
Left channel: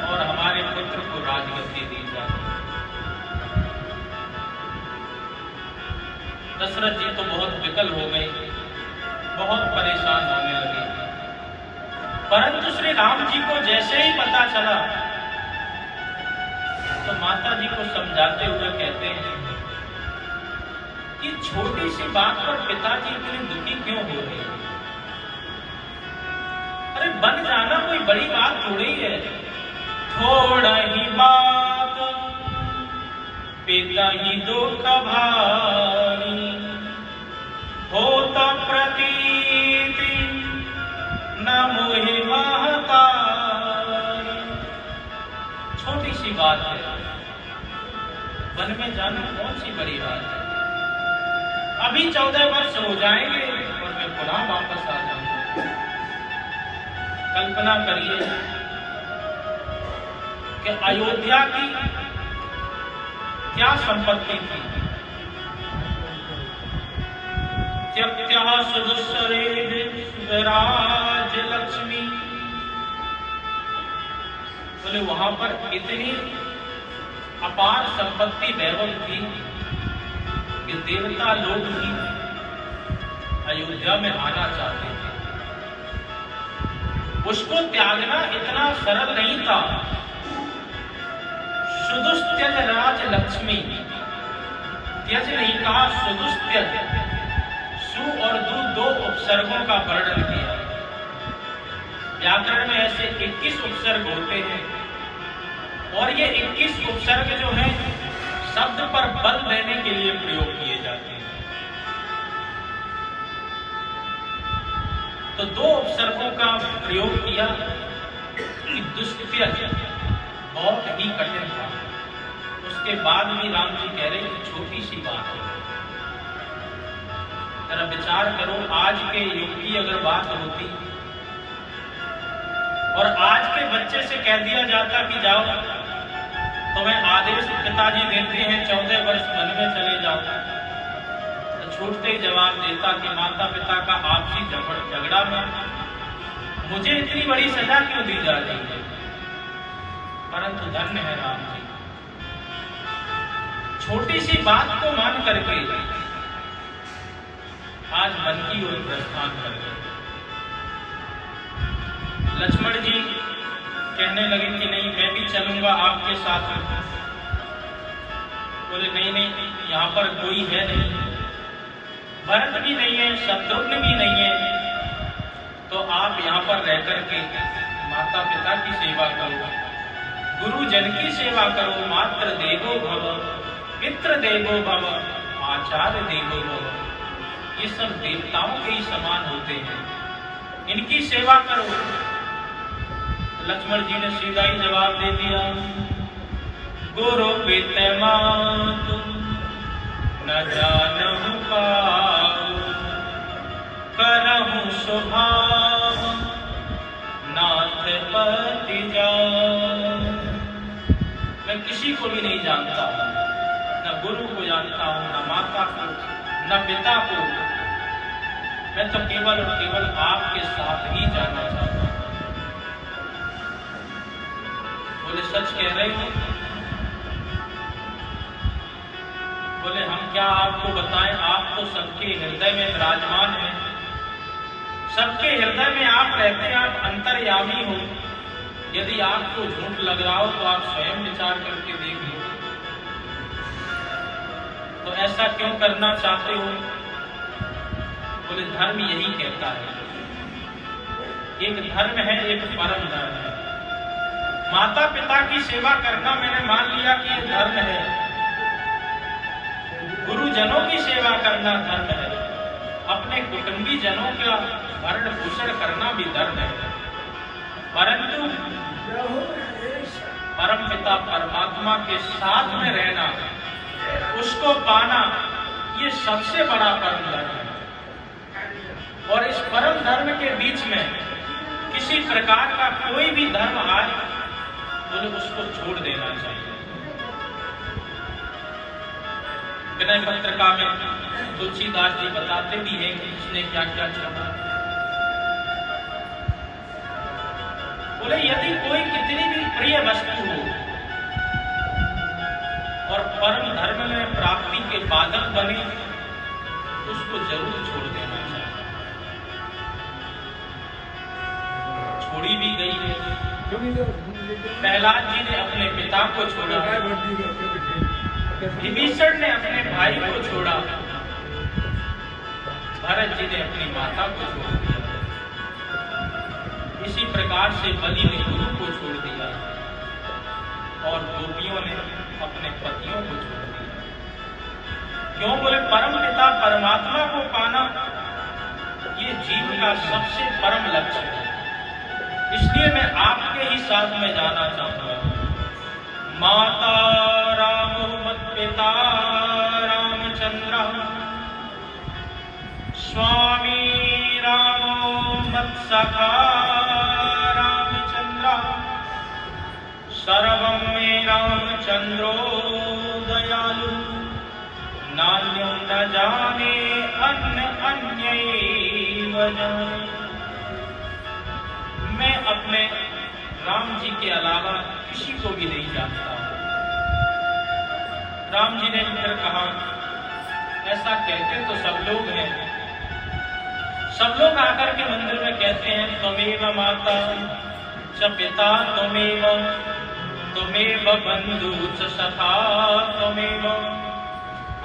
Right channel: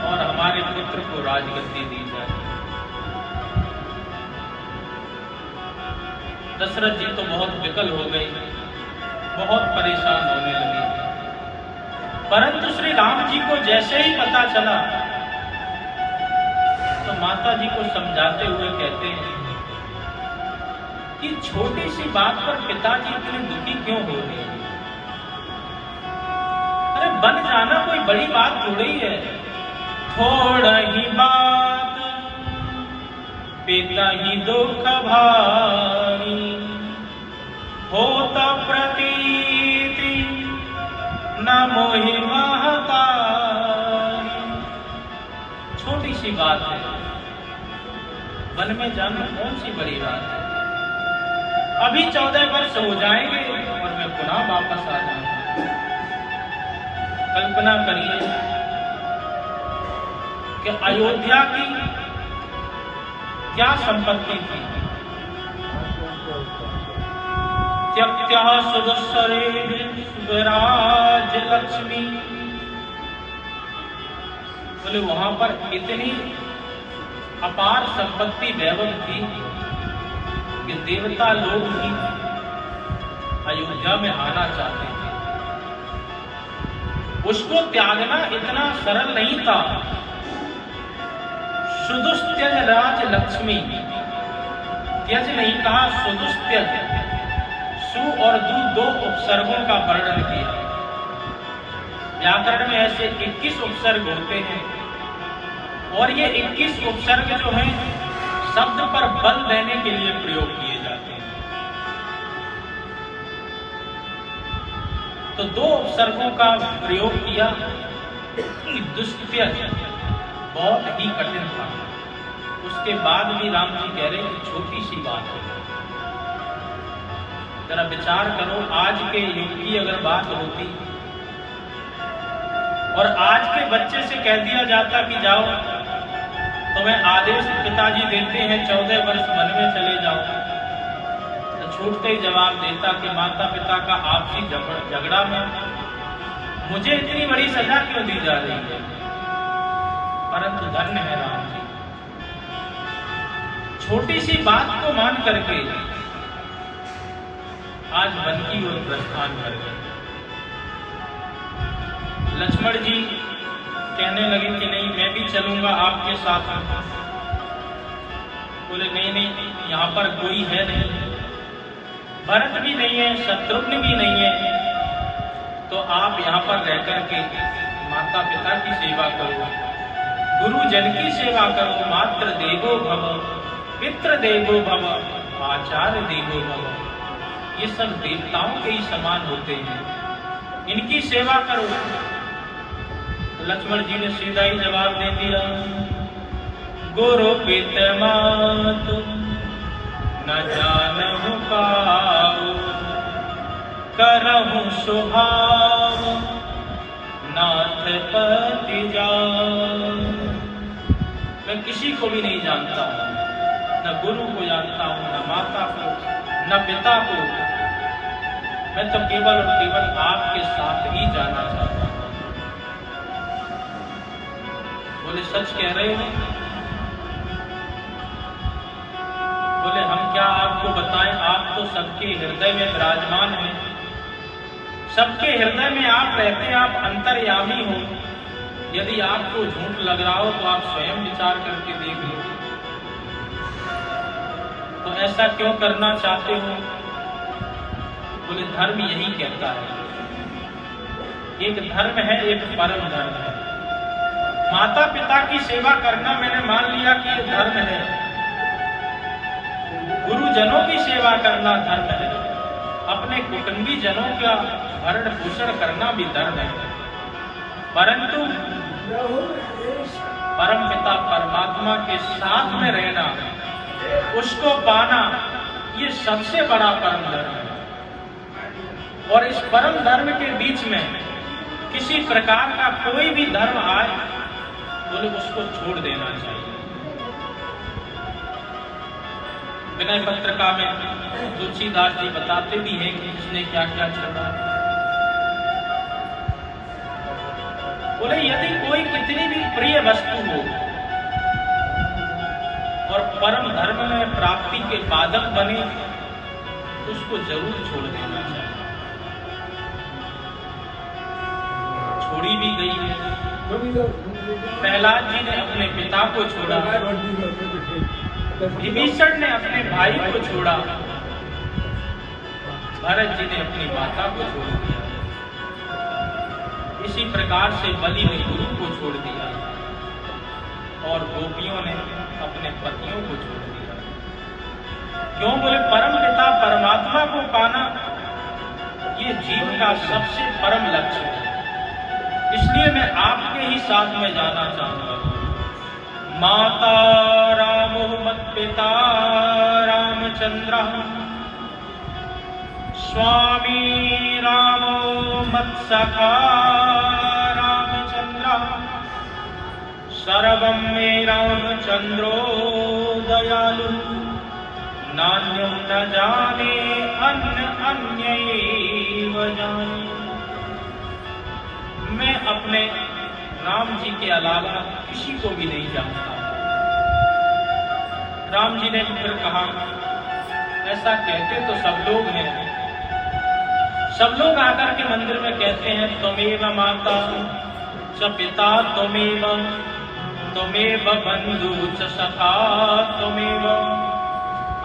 और हमारे पुत्र को राजगद्दी दी जाए। दशरथ जी तो बहुत विकल हो गए, बहुत परेशान होने लगे। परंतु श्री राम जी को जैसे ही पता चला तो माता जी को समझाते हुए कहते हैं कि छोटी सी बात पर पिताजी इतने दुखी क्यों हो रहे हैं? अरे बन जाना कोई बड़ी बात थोड़ी है। थोड़ा ही बात पिता ही दुख भारी, होता प्रतीति न मोहि महतारी। छोटी सी बात है, वन में जाना कौन सी बड़ी बात है। अभी 14 वर्ष हो जाएंगे और मैं पुनः वापस आ जाऊंगा। कल्पना करिए कि अयोध्या की क्या संपत्ति थी। त्यक्त्यः सुदुस्सरे स्वराज लक्ष्मी, बोले वहां पर इतनी अपार संपत्ति वैभव थी कि देवता लोग भी अयोध्या में आना चाहते थे। उसको त्यागना इतना सरल नहीं था। सुदुस्त्यज राज लक्ष्मी, त्यज नहीं कहा, सुदुस्त्यज। सु और दु दो उपसर्गों का वर्णन किया। व्याकरण में ऐसे 21 उपसर्ग होते हैं और ये 21 उपसर्ग जो हैं शब्द पर बल देने के लिए प्रयोग किए जाते हैं। तो 2 उपसर्गों का प्रयोग किया कि दुस्त्यज बहुत ही कठिन था। उसके बाद भी राम जी कह रहे कि छोटी सी बात है। जरा विचार करो, आज के युग की अगर बात होती और आज के बच्चे से कह दिया जाता कि जाओ, तुम्हें आदेश पिताजी देते हैं 14 वर्ष वन में चले जाओ, तो छूटते ही जवाब देता कि माता पिता का आपसी झगड़ा में मुझे इतनी बड़ी सजा क्यों दी जा रही है। परंतु धन्य है राम जी, छोटी सी बात को मान करके आज वन की ओर प्रस्थान कर गए। लक्ष्मण जी कहने लगे कि नहीं, मैं भी चलूंगा आपके साथ। बोले नहीं, यहाँ पर कोई है नहीं, भरत भी नहीं है, शत्रुघ्न भी नहीं है, तो आप यहाँ पर रह करके माता पिता की सेवा करो, गुरुजन की सेवा करो। मातृ देवो भव, पितृ देवो भव, आचार्य देवो भव। ये सब देवताओं के ही समान होते हैं, इनकी सेवा करो। लक्ष्मण जी ने सीधा ही जवाब दे दिया, गुरु पिता मातु न जानहु पाऊ, करहु स्वभाव नाथ पति जान। मैं किसी को भी नहीं जानता हूं, न गुरु को जानता हूं, न माता को, न पिता को। मैं तो केवल और केवल आपके साथ ही जाना चाहता हूं। बोले सच कह रहे हो? बोले हम क्या आपको बताएं, आप तो सबके हृदय में विराजमान हैं, सबके हृदय में आप रहते हैं, आप अंतर्यामी हो। यदि आपको झूठ लग रहा हो तो आप स्वयं विचार करके देख लो। तो ऐसा क्यों करना चाहते हो? बोले धर्म यही कहता है, एक धर्म है, एक परम धर्म है। माता पिता की सेवा करना मैंने मान लिया कि ये धर्म है, गुरुजनों की सेवा करना धर्म है, अपने कुटुंबी जनों का भरण पोषण करना भी धर्म है। परंतु परम पिता परमात्मा के साथ में रहना, उसको पाना, ये सबसे बड़ा परम धर्म है। और इस परम धर्म के बीच में किसी प्रकार का कोई भी धर्म आए बोले उसको छोड़ देना चाहिए। विनय पत्रिका में तुलसीदास जी बताते भी हैं कि उसने क्या क्या छोड़ा। बोले यदि कोई कितनी भी प्रिय वस्तु हो और परम धर्म में प्राप्ति के बाधक बने तो उसको जरूर छोड़ देना चाहिए। छोड़ी भी गई है। प्रहलाद जी ने अपने पिता को छोड़ा, विभीषण ने अपने भाई को छोड़ा, भरत जी ने अपनी माता को छोड़ दिया, इसी प्रकार से बलि ने गुरु को छोड़ दिया और गोपियों ने अपने पतियों को छोड़ दिया। क्यों? बोले परम पिता परमात्मा को पाना ये जीव का सबसे परम लक्ष्य है। इसलिए मैं आपके ही साथ में जाना चाहूंगा। माता रामो मत पिता रामचंद्र, स्वामी रामो मत सखा रामचंद्र, सर्वं मे रामचंद्रो दयालु, नान्यो न जाने अन्यैव जाने। मैं अपने राम जी के अलावा किसी को भी नहीं जानता। राम जी ने फिर कहा, ऐसा कहते तो सब लोग हैं। सब लोग आकर के मंदिर में कहते हैं त्वमेव माता च पिता त्वमेव, त्वमेव बंधु च सखा त्वमेव।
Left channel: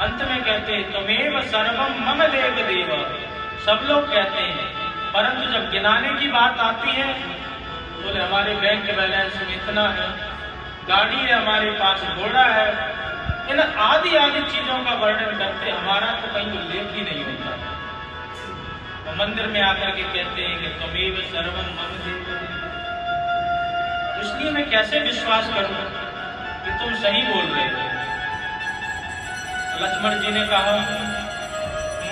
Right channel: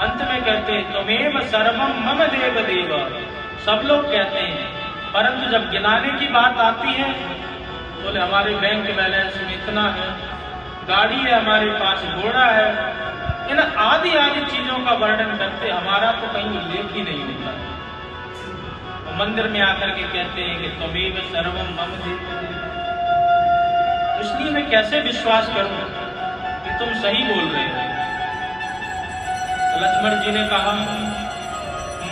अंत में कहते त्वमेव सर्वम मम देव देव। सब लोग कहते हैं, परंतु जब गिनाने की बात आती है बोले हमारे बैंक बैलेंस में इतना है, गाड़ी है हमारे पास, घोड़ा है, इन आदि आदि चीजों का वर्णन करते हमारा तो कहीं उल्लेख ही नहीं होता। तो मंदिर में आकर के कहते हैं कि त्वमेव सर्वम मम देव देव। इसलिए मैं कैसे विश्वास करूं कि तुम सही बोल रहे हो। तो लक्ष्मण जी ने कहा,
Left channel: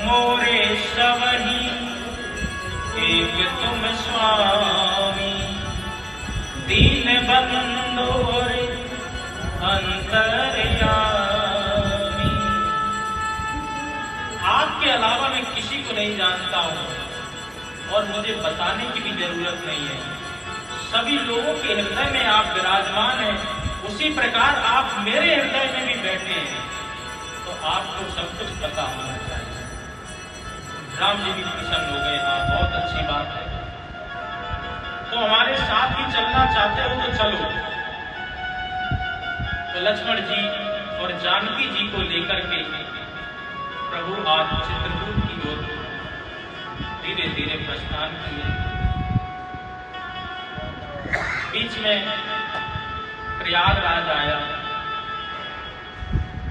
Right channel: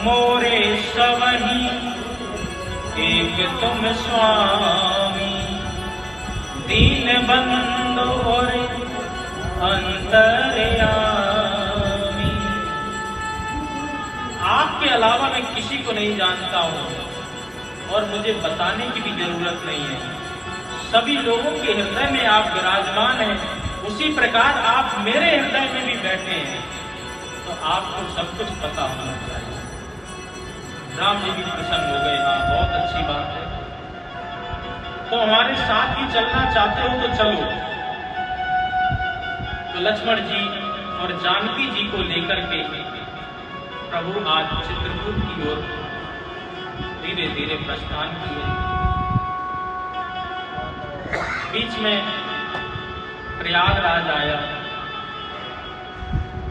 मोरे सवही एक तुम स्वामी, दीन बंधु और अंतर्यामी। आपके अलावा मैं किसी को नहीं जानता हूं और मुझे बताने की भी जरूरत नहीं है। सभी लोगों के हृदय में आप विराजमान हैं, उसी प्रकार आप मेरे हृदय में भी बैठे हैं, तो आपको सब कुछ पता होना चाहिए। राम जी भी प्रसन्न हो गए। हाँ, बहुत अच्छी बात है, तो हमारे साथ ही चलना चाहते हो तो चलो। तो लक्ष्मण जी और जानकी जी को लेकर के प्रभु आज चित्रकूट की ओर धीरे धीरे प्रस्थान किए। बीच में प्रयागराज आया।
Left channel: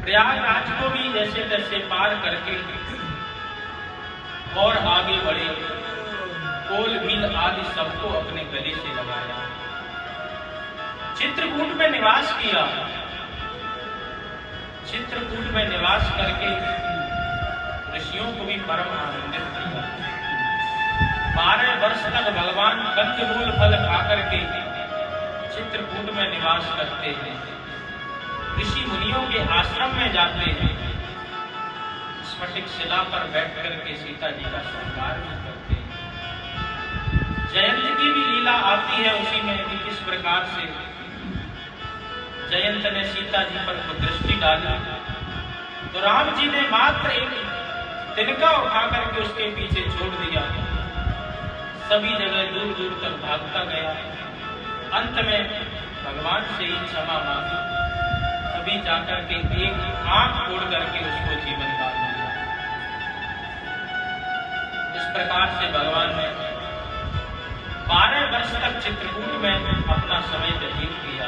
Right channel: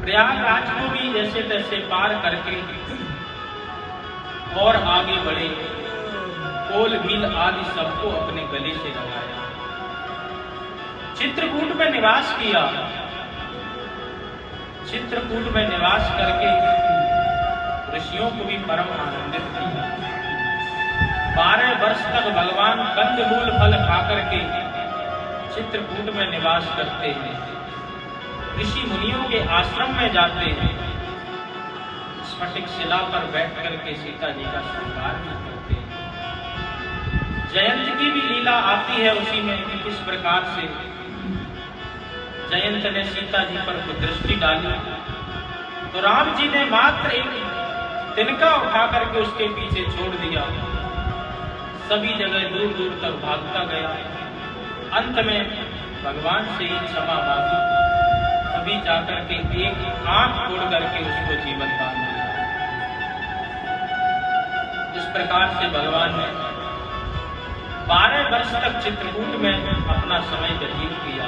प्रयागराज को भी जैसे तैसे पार करके और आगे बढ़े। कोल भील आदि सबको अपने गले से लगाया। चित्रकूट में निवास किया। चित्रकूट में निवास करके ऋषियों को भी परम आनंदित किया। 12 वर्ष तक भगवान कंदमूल फल खाकर के चित्रकूट में निवास करते हैं। ऋषि मुनियों के आश्रम में जाते हैं। स्फटिक शिला पर बैठ करके सीता जी का श्रृंगार भी करते हैं। जयंत की भी लीला आती है उसी में कि किस प्रकार से जयंत ने सीता जी पर दृष्टि डाली तो राम जी ने मात्र एक तिनका उठा करके उसके पीछे छोड़ दिया। सभी जगह दूर दूर तक भागता गया। अंत में भगवान से ही क्षमा मांगी, तभी जाकर के एक आंख तोड़ करके उसको जीवन दान दिया। इस प्रकार से भगवान ने 12 वर्ष तक चित्रकूट में अपना समय व्यतीत किया।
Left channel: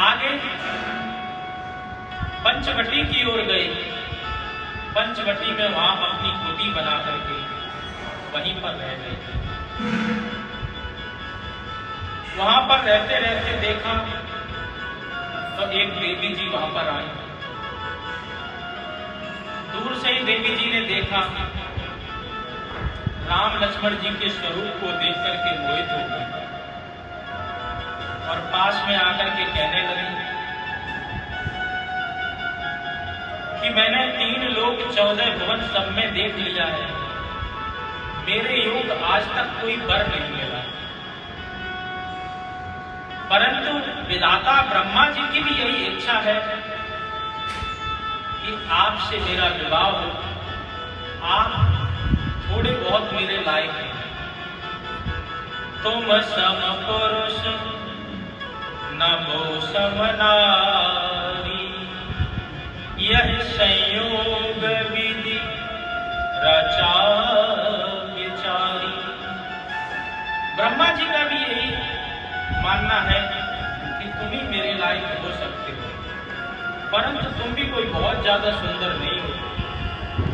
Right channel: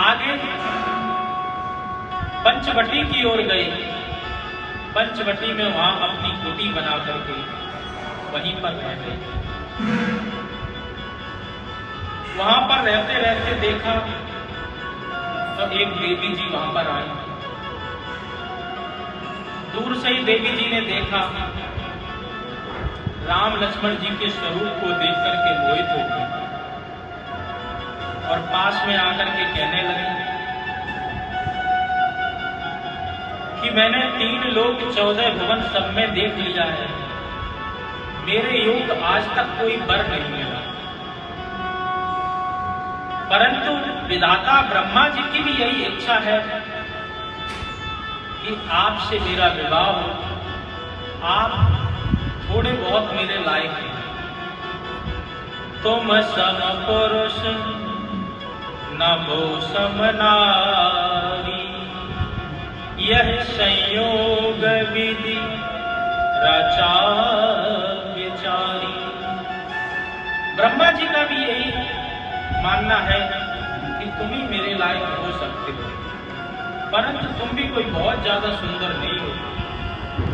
आगे पंचवटी की ओर गए। पंचवटी में वहां अपनी कुटी बना करके वहीं पर रह गए। वहां पर रहते रहते देखा तो एक देवी जी वहां पर आई। दूर से ही देवी जी ने देखा राम लक्ष्मण जी के स्वरूप को देख करके मोहित हो गई और पास में आकर के कहने लगी कि मैंने 3 लोक 14 भुवन सब में देख लिया है, मेरे योग आज तक कोई वर नहीं मिला, परंतु विधाता ब्रह्मा जी की भी यही इच्छा है कि आपसे मेरा विवाह हो। आप थोड़े बहुत मेरे लायक हैं। तुम सम पुरुष नमो सम नारी, यह संयोग विधि रचा विचारी। ब्रह्मा जी का भी यही मानना है कि तुम ही मेरे लायक हो सकते हो, परंतु तुम भी कोई बहुत ज्यादा सुंदर नहीं हो,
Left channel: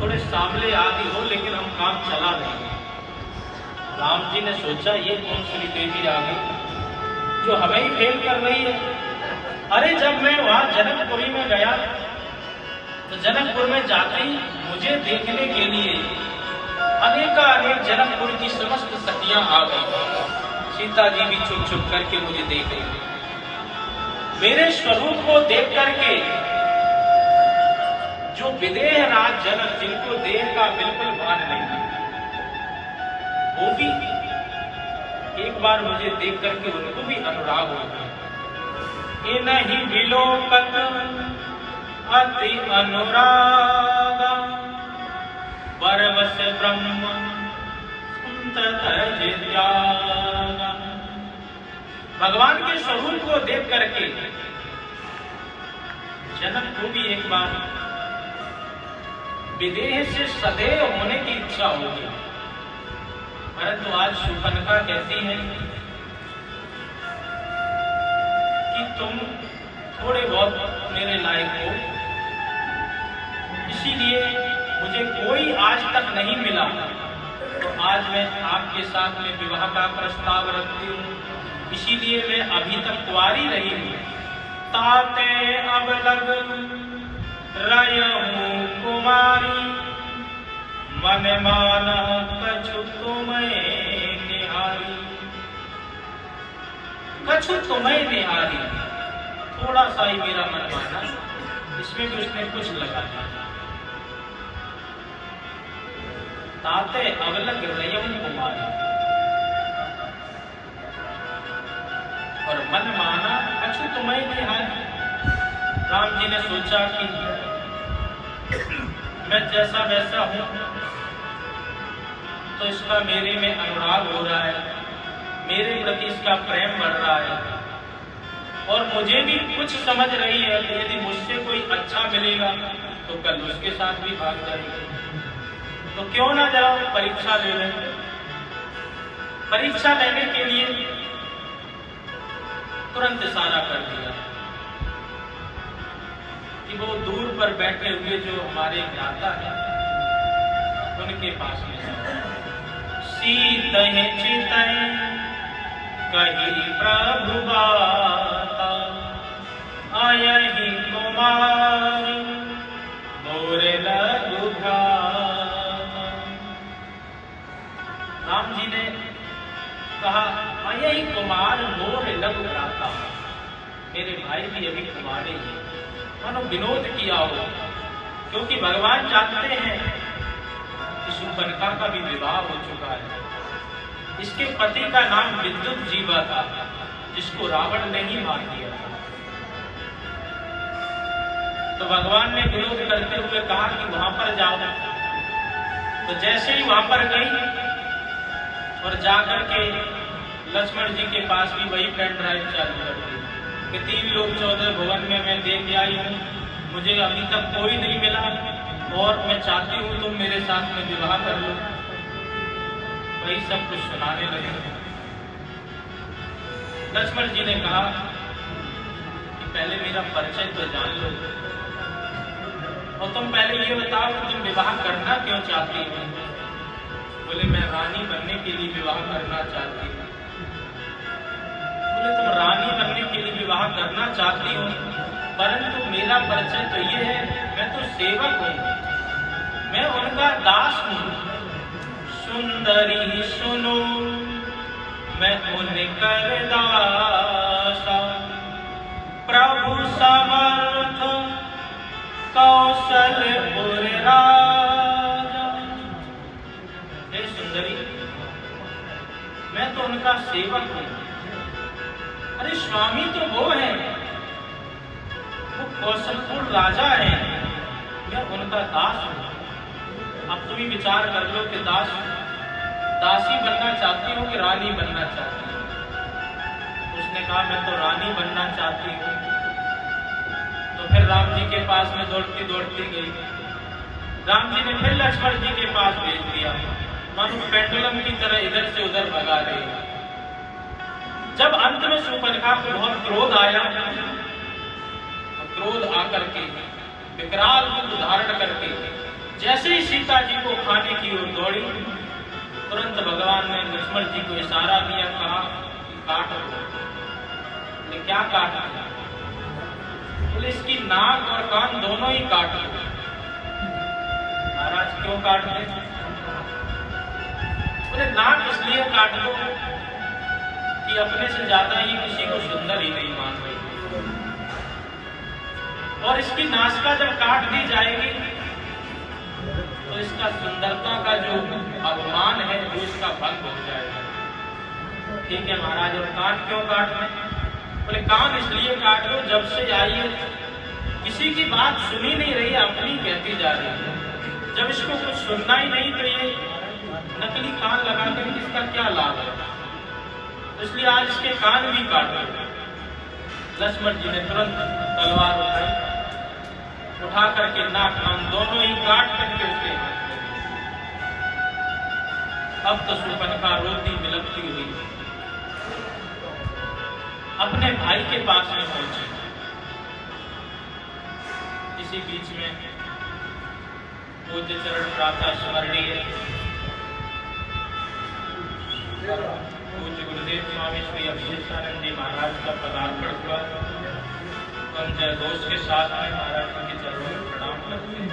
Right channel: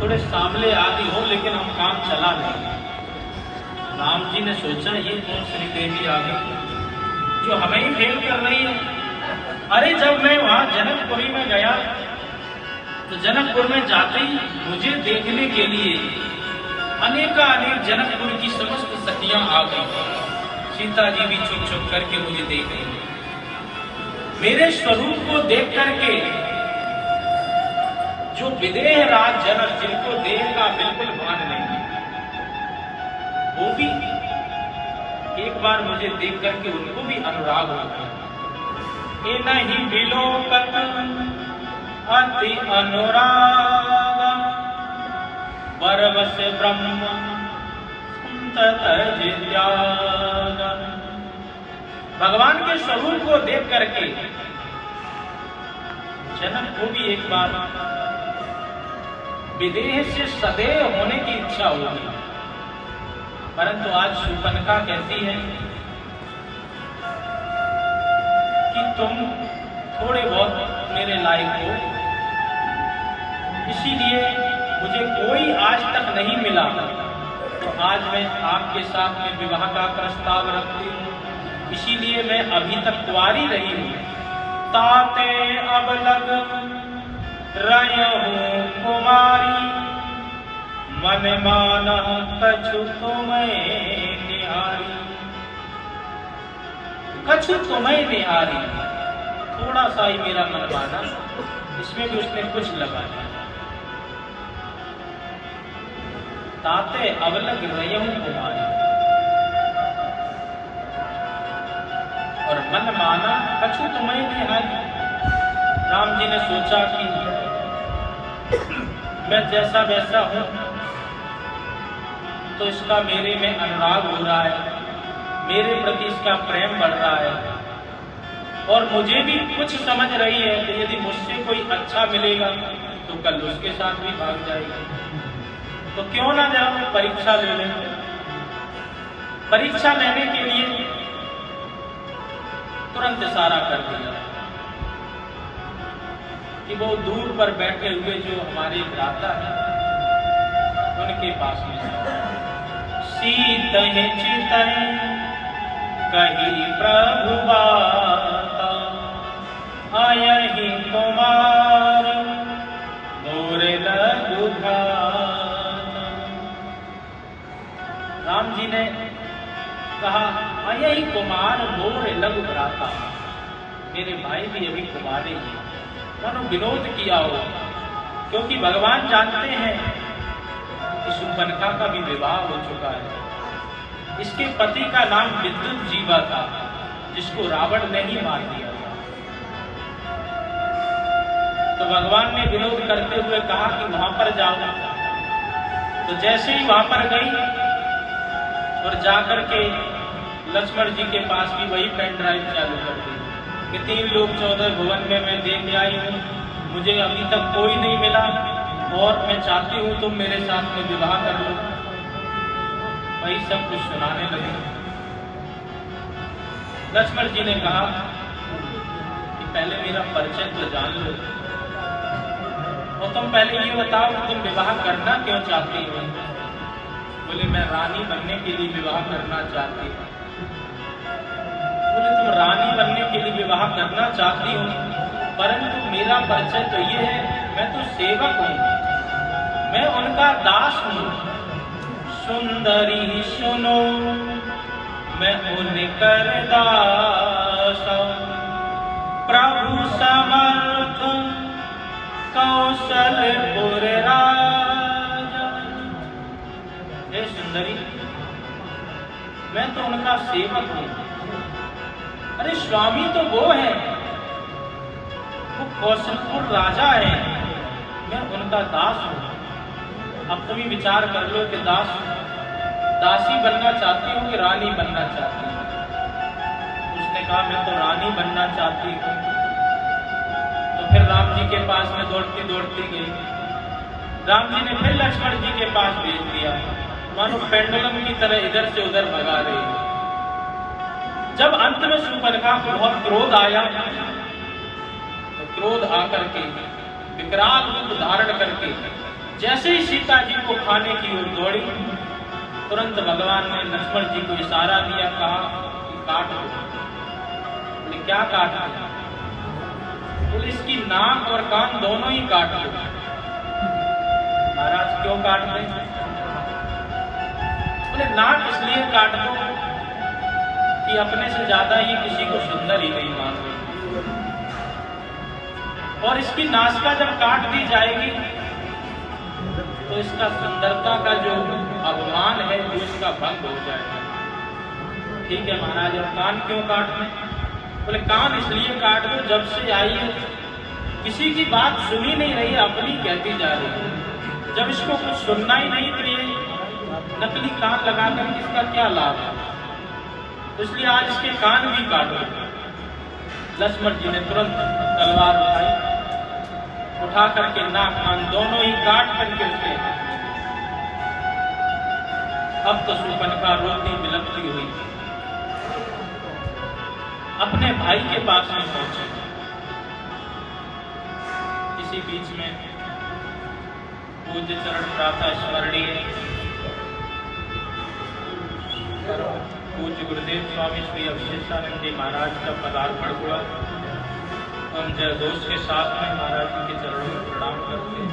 थोड़े सांवले आदि हो, लेकिन हम काम चला लेंगे। राम जी ने सोचा ये कौन श्री देवी आ गई जो हमें ही फेल कर रही है। अरे जब मैं वहां जनकपुरी में गया तो जनकपुर में जाते ही मुझे देखने के लिए अनेक जनकपुर की समस्त सखियां आ गई। सीता जी भी छुप छुप करके मुझे देख रही, मेरे स्वरूप को देख करके जो विदेह राज जनक जिनको देह का बिल्कुल भान नहीं, वो भी एक बार मुझे देख करके उनको भी अनुराग हो गया। ये नहीं विलोकत अति अनुराग, बरवस ब्रह्म भगवान के स्वरूप को देख करके जनक को भी एक बार विदेह से सदैव होने की इच्छा होगी, परंतु आज शूर्पणखा कहती है कि तुम थोड़े बहुत मेरे लायक हो, इसीलिए मुझे कोई आज तक नहीं मिला, तो आज मैं आपके साथ में विवाह का प्रस्ताव रखती हूँ। इसीलिए मैं अभी तक कुंवारी रही हूँ। ताते अब लग रहूं कुमारी, मन मान कछु तुम्हें निहारी। कछु तुम्हें निहारी, थोड़ा सा ही मेरा मन माना, इसमें भी उसने कुछ लगा दिया। ताते अवलग रहूं कुमारी और मन माना कछु तुम्हें निहारी। राम जी ने सोचा कि मैं जैसा वैसा हूं तो इसका मेरे में अनुराग हो रहा है, मेरे प्रति इसका प्रेम बढ़ रहा है, और मुझे भी कुछ समझ रही है कि यदि मुझसे कोई अच्छा मिलेगा तो कल उसके साथ भी भाग जाएगी, तो क्यों ना जरा परीक्षा ले लें। परीक्षा लेने के लिए तुरंत इशारा कर दिया कि वो दूर पर बैठे हुए जो हमारे भ्राता हैं उनके पास में सीत चित कही प्रभु बाता, आयहि कुमार मोरे लघु भ्राता। राम जी ने कहा यही कुमार मोर लघु भ्राता, मेरे भाई भी अभी कुमारे ही, मानो विनोद किया हो, क्योंकि भगवान जानते हैं कि शूर्पणखा का भी विवाह हो चुका है। इसके पति का नाम विद्युत जीवा था, जिसको रावण ने ही मार दिया था। तो भगवान ने विरोध करते हुए कहा कि वहां पर जाओ। तो जैसे ही वहां पर गई और जाकर के लक्ष्मण जी के पास भी वही पेन ड्राइव चालू कर दी कि 3 लोक 14 भुवन में मैं देख आई हूँ, मुझे अभी तक कोई नहीं मिला और मैं चाहती हूँ तुम मेरे साथ में विवाह कर लो। वही सब कुछ सुनाने लगे। लक्ष्मण जी ने कहा कि पहले मेरा परिचय तो जान लो, और तुम पहले ये बताओ कि तुम विवाह करना क्यों चाहती हो। बोले मैं रानी बनने के लिए विवाह करना चाहती हूँ। बोले तुम रानी बनने के लिए विवाह करना चाहती हो, परंतु मेरा परिचय तो ये है, मैं तो सेवक हूँ, मैं उनका दास हूँ, सुंदरी सुनो मैं उनकर दासा, प्रभु समर्थ कौशलपुर राजा। हे सुंदरी, मैं तो उनका सेवक हूं। अरे स्वामी तो वो है, वो कौशलपुर राजा है, मैं उनका दास हूं। अब तुम ही विचार कर लो कि दासी बनना चाहती हूँ कि रानी बनना चाहती हूँ। उसने कहा मैं तो रानी बनना चाहती हूँ। तो फिर राम जी के पास में दौड़ती दौड़ती गई। राम जी ने फिर लक्ष्मण जी के पास भेज दिया, मानो पेंडुलम की तरह इधर से उधर भगा गई। जब अंत में शूर्पणखा को बहुत क्रोध आया, तो क्रोध आकर के विकराल रूप धारण करके जैसे ही सीता जी को खाने की ओर दौड़ी, तुरंत भगवान ने लक्ष्मण जी को इशारा दिया, कहा कि काट दो। बोले क्या काट दो? बोले इसकी नाक और कान दोनों ही काट दो। महाराज क्यों काट दे? बोले नाक इसलिए काट दो कि अपने से ज्यादा ही किसी को सुंदर ही नहीं मान रही, और इसकी नासिका जब काट दी जाएगी तो इसका सुंदरता का जो अभिमान है वो इसका भंग हो जाएगा। ठीक है महाराज, अब कान क्यों काट दें? बोले कान इसलिए काट दो, जब से आई है किसी की बात सुनी नहीं रही है, अपनी कहती जा रही है। जब इसको कुछ सुनना ही नहीं तो ये नकली कान लगाकर इसका क्या लाभ है? इसलिए आज इसके कान भी काट दो। लक्ष्मण जी ने तुरंत तलवार उठा करके नाक कान दोनों ही काट करके उसके। अब तो शूर्पणखा रोती बिलखती हुई अपने भाई के पास में पहुंची। इसी बीच में पूज्य चरण प्रातः स्मरणीय पूज्य गुरुदेव स्वामी श्री अवधेशानंद जी महाराज का पदार्पण हुआ। उन जयघोष के साथ में महाराज जी के चरणों में प्रणाम करते हैं।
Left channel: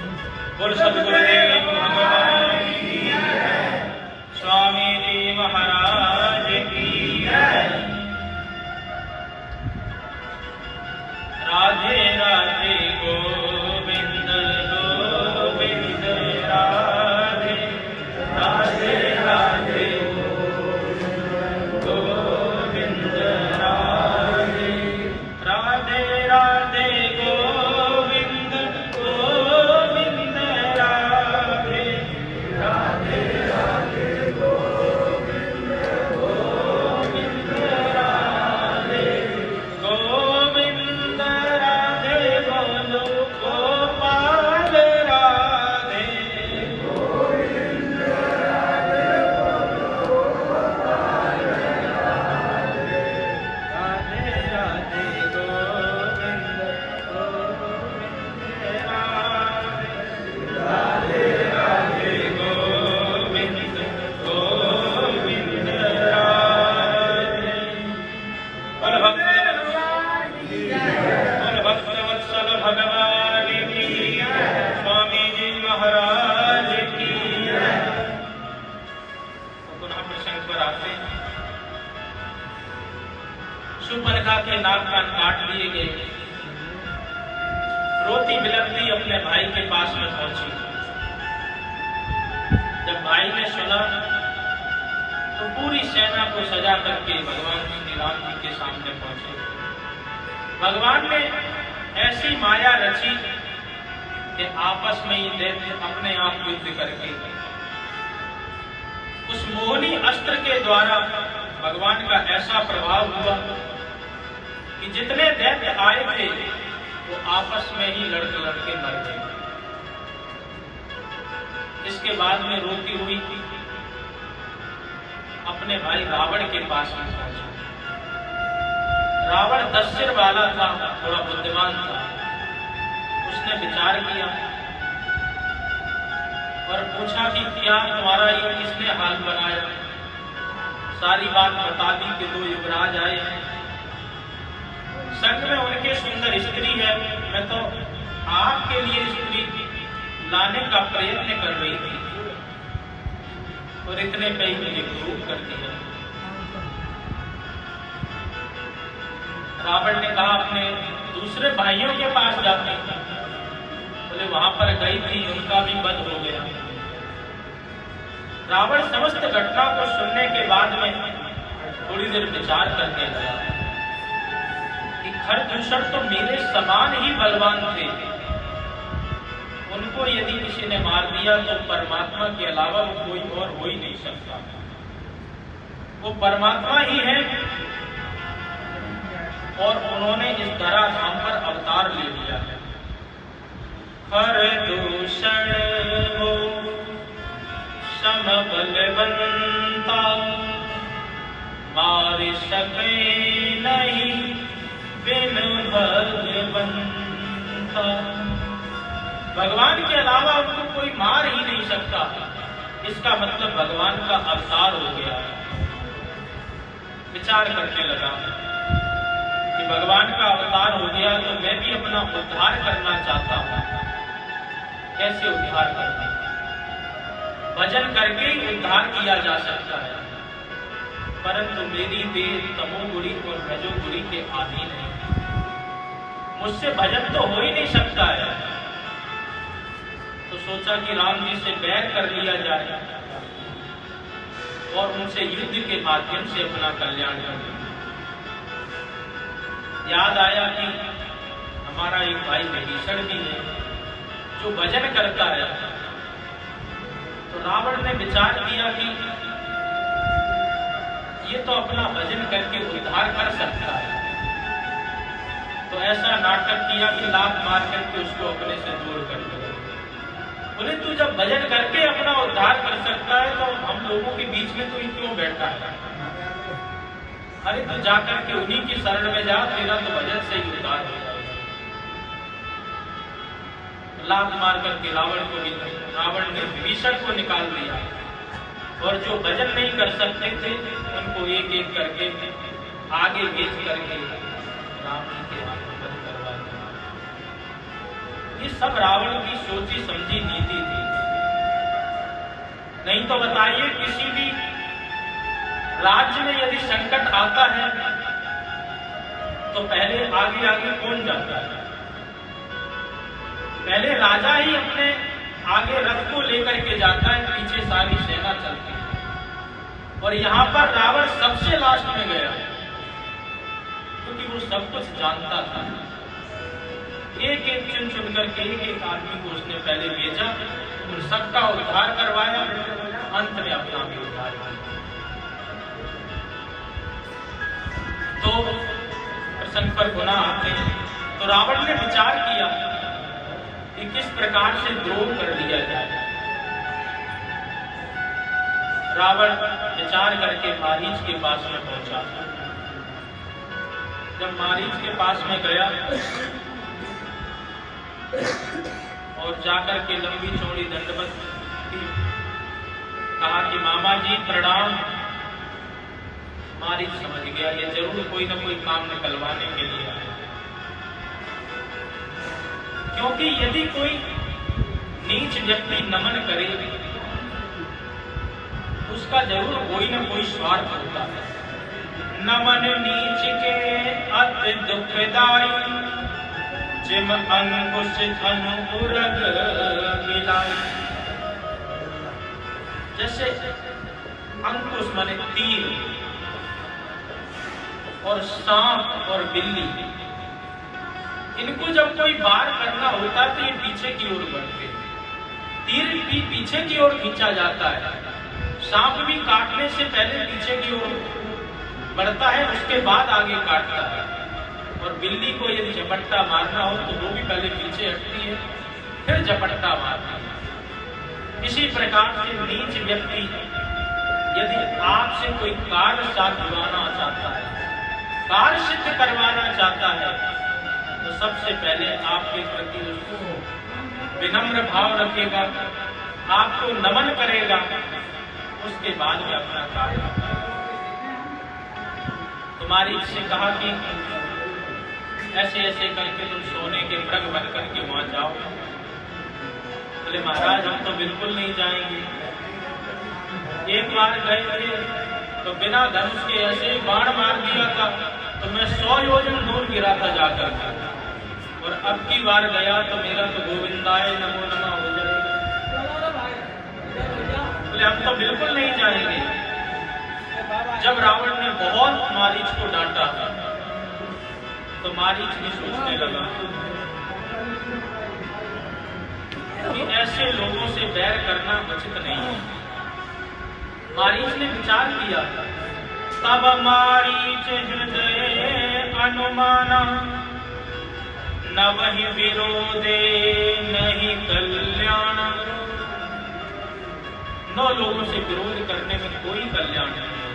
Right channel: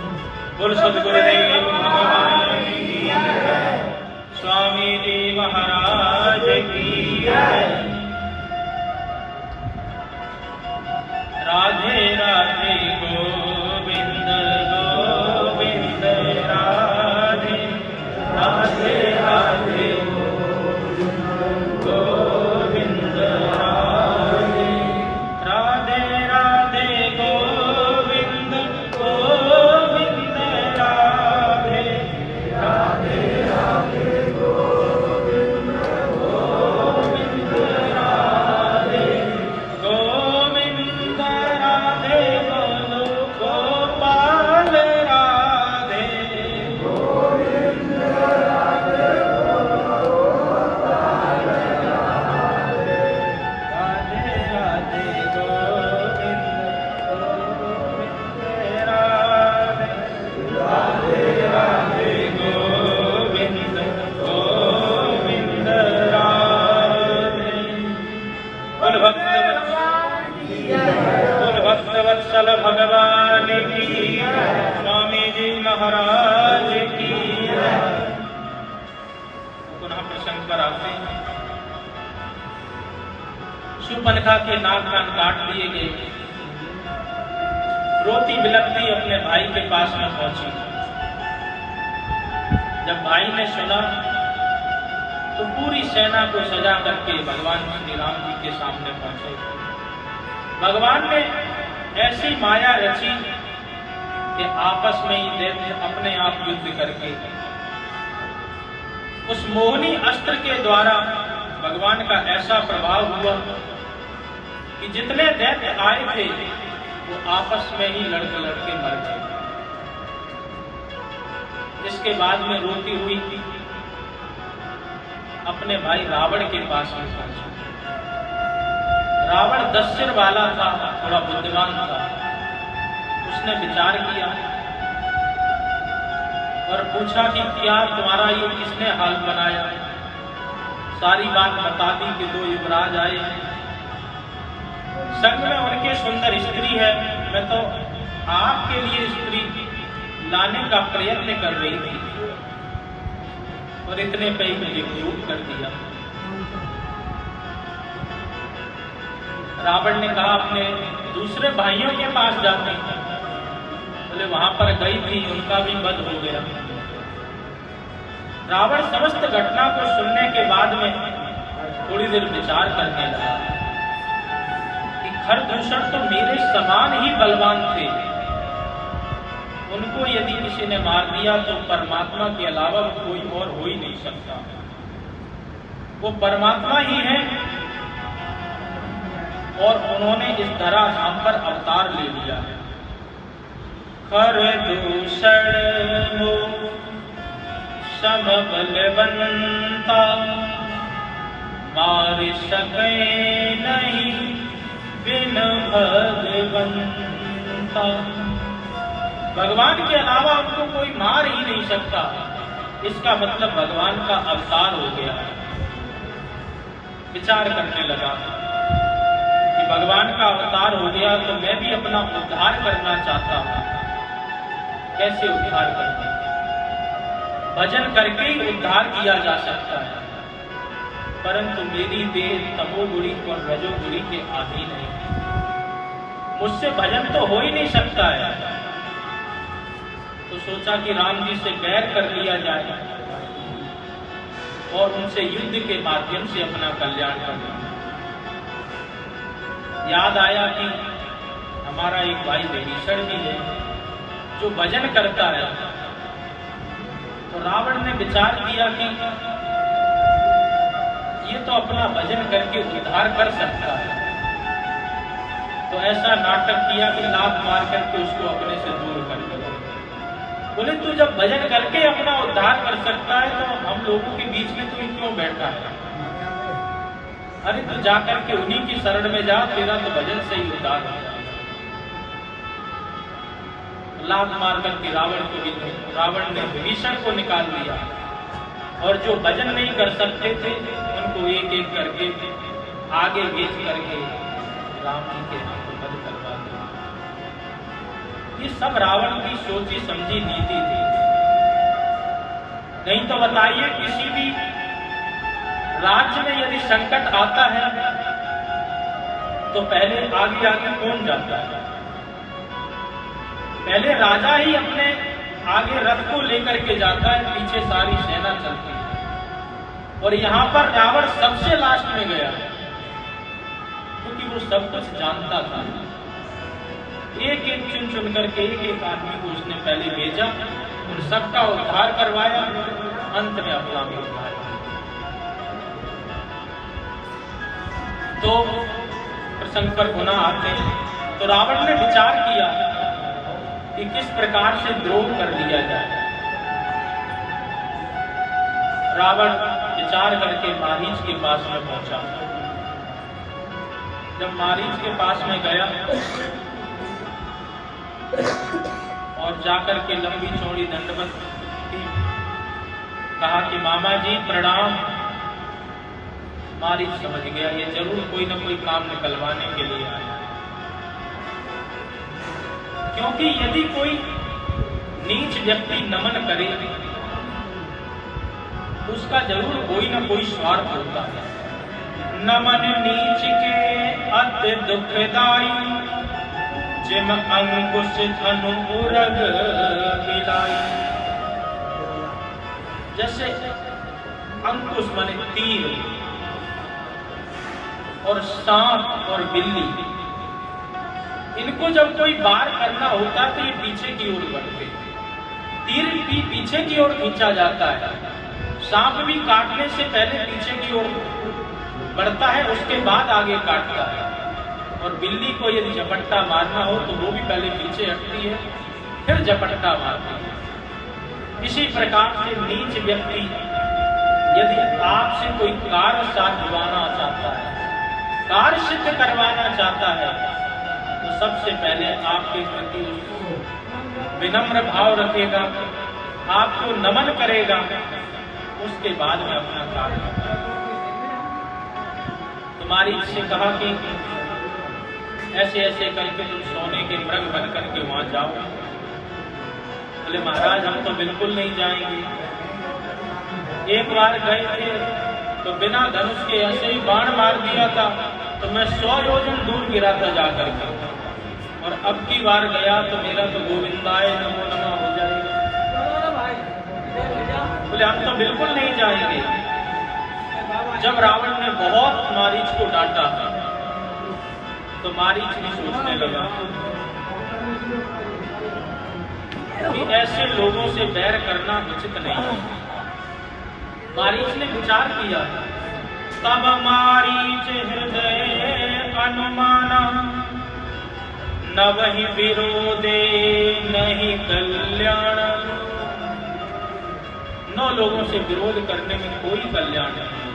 बोल सद्गुरुदेव भगवान की जय, स्वामी जी महाराज की जय। राधे राधे गोविंद गोविंद राधे राधे राधे गोविंद राधे राधे राधे गोविंद गोविंद राधे राधे राधे गोविंद गोविंद राधे गोविंद राधे बोलो गोपाल राधे गोविंद राधे बोलो गोपाल राधे राधे राधे गोविंद गोविंद राधे राधे राधे गोविंद गोविंद राधे। बोल भक्तवत्सल भगवान की स्वामी जी महाराज की। पुनः प्रसंग पर आते हैं। शूर्पणखा के नाक कान काट दिए गए। रोती बिलखती अपने भाई के पास में पहुंची। जब भाई ने सुना तो पूरी सेना को सजा करके भगवान श्री राम जी के सामने पहुंचे। भगवान ने ऐसी माया रची कि आपस में ही दैत्य अपने आप युद्ध करके उस मोहनी अस्त्र के द्वारा भगवान का ऐसा प्रभाव हुआ कि जितने दैत्य आए थे वो आपस में ही लड़के लड़के मर गए। इसके बाद में रोती हुई अपने भाई रावण के पास में पहुंची। रावण 10 सिर वाला था, थोड़ा बुद्धिमान था। उसने विचार किया और पूछा कि क्या तुम्हारा ये किसने हाल बनाया? सारी बात बता दी कि 2 युवराज आए हैं, संग में उनके सुंदर स्त्री है। मैं तो आपके लिए स्त्री लाने का प्रयत्न कर रही थी। और इतने पे ही मुझे क्रूर कर दिया। रावण ने कहा अपने दूसरे भाइयों के पास जाते, बोले वहां पर गई थी, उनका भी वध हो गया। रावण समस्त घटना को सुनने के बाद में थोड़ी देर विचार करने लगा कि खरदूषण तो मेरे समान ही बलवान थे, उनको यदि किसी ने मार दिया तो परमात्मा के अलावा कोई और हो ही नहीं सकता, वो परमात्मा ही है। और उन्होंने इस धराधाम पर अवतार ले लिया। खरदूषण समबलवंता मार सके नहीं बिन भगवंता। भगवान के अलावा उनको कोई मार ही नहीं सकता, इसका मतलब भगवान का अवतार हो गया। विचार करने लगा कि भगवान का अवतार हो गया तो मैं भी अपना उद्धार करना चाहता हूं। कैसे उद्धार करना? भजन करके ही उद्धार किया जा सकता है, परंतु मेरी देह तमोगुणी और रजोगुणी के अधीन है, मुझसे भजन तो हो ही नहीं सकता है। तो सोचा कि राम जी से बैर कर लिया जाए और उनसे युद्ध के माध्यम से अपना कल्याण कर लिया। याद आया कि हमारा एक भाई विभीषण भी है जो भजन करता है। तो रावण ने विचार किया कि ये तो अपना भजन करके उद्धार कर सकता है, तो ऐसा नाटक किया कि लात मार करके उसको अपने से दूर कर दिया। बोले तू जब भजन करके अपना उद्धार कर सकता है तो हम लोगों के बीच में तू क्यों बैठा है? अरे तू जाकर के उन्हीं की शरण में जा, तेरा तो भजन से ही उद्धार हो। लात मार करके रावण ने विभीषण को निकाल दिया और जो भजन नहीं कर सकते थे उनको एक एक करके आगे भेज करके राम जी के हाथ में बंद करवा दिया। ये सब रावण की सोची समझी नीति थी। नहीं तो बताइए, किसी भी राज्य में यदि संकट आता है तो पहले आगे आगे कौन जाता है? पहले राजा ही अपने आगे रथ को लेकर के जाता है, पीछे सारी सेना चलती है। और यहां पर रावण सबसे लास्ट में गया क्योंकि वो सब कुछ जानता था। एक एक चुन चुन करके एक एक आदमी को उसने पहले भेजा, उन सबका उद्धार करवाया, अंत में अपना भी उद्धार किया। तो प्रसंग पर पुनः आते हैं। तो रावण ने विचार किया कि किस प्रकार से द्रोह कर दिया जाए। रावण विचार करके मारीच के पास में पहुंचा। जब मारीच के पास में गया और जाकर के लंबी चौड़ी दंडवत की, कहा कि मामा जी प्रणाम। मारीच समझ गया ये जरूर कोई ना कोई काम निकलवाने के लिए आया, क्योंकि यदि कोई नीच व्यक्ति नमन करे उसका जरूर कोई ना कोई स्वार्थ होता है। नमन नीच के अति दुखदाई, जिम अंकुश धनु उरग मिलाई। जैसे अंकुश माने तीर और सांप और बिल्ली, इनको जब कोई वार करना होता है तो ये पीछे की ओर बढ़ते, तीर भी पीछे की ओर खींचा जाता है। सांप भी काटने से पहले पीछे की ओर बढ़ता है, उसके बाद आगे काटता है। और बिल्ली को यदि झपट्टा मारना हो तो वो भी पहले पीछे हटती है, फिर झपट्टा मारती है। इसी प्रकार से नीच व्यक्ति यदि आपसे कोई कार्य साधवाना चाहता है, कार्य सिद्ध करवाना चाहता है, तो सबसे पहले आपके प्रति उसको विनम्र भाव रखेगा, आपको नमन करेगा, उसके बाद में अपना कार्य करता है। तुम्हारी इससे कहा कि ऐसे ऐसे करके तुम सोने के मृग बन करके वहां जाओ। बोले महाराज हम तो बिल्कुल नहीं जाएंगे। एक बार गए थे तो बिना धनुष के ऐसे ही बाण मार दिया था तो मैं 100 योजन दूर गिरा था जाकर के। और अब की बार गया तो मेरा तो गोविंदाय नमो नमः हो जाएगा। बोले हम तो बिल्कुल नहीं जाएंगे। जब रावण ने बहुत मारीच को डांटा तो मारीच भी सोचने लगा कि ऐसे लोगों से बैर करना उचित नहीं है। मारीच ने विचार किया, तब मारीच हृदय अनुमाना, न वही विरोधे नहीं कल्याण। 9 लोगों से विरोध करने में कोई कल्याण नहीं है।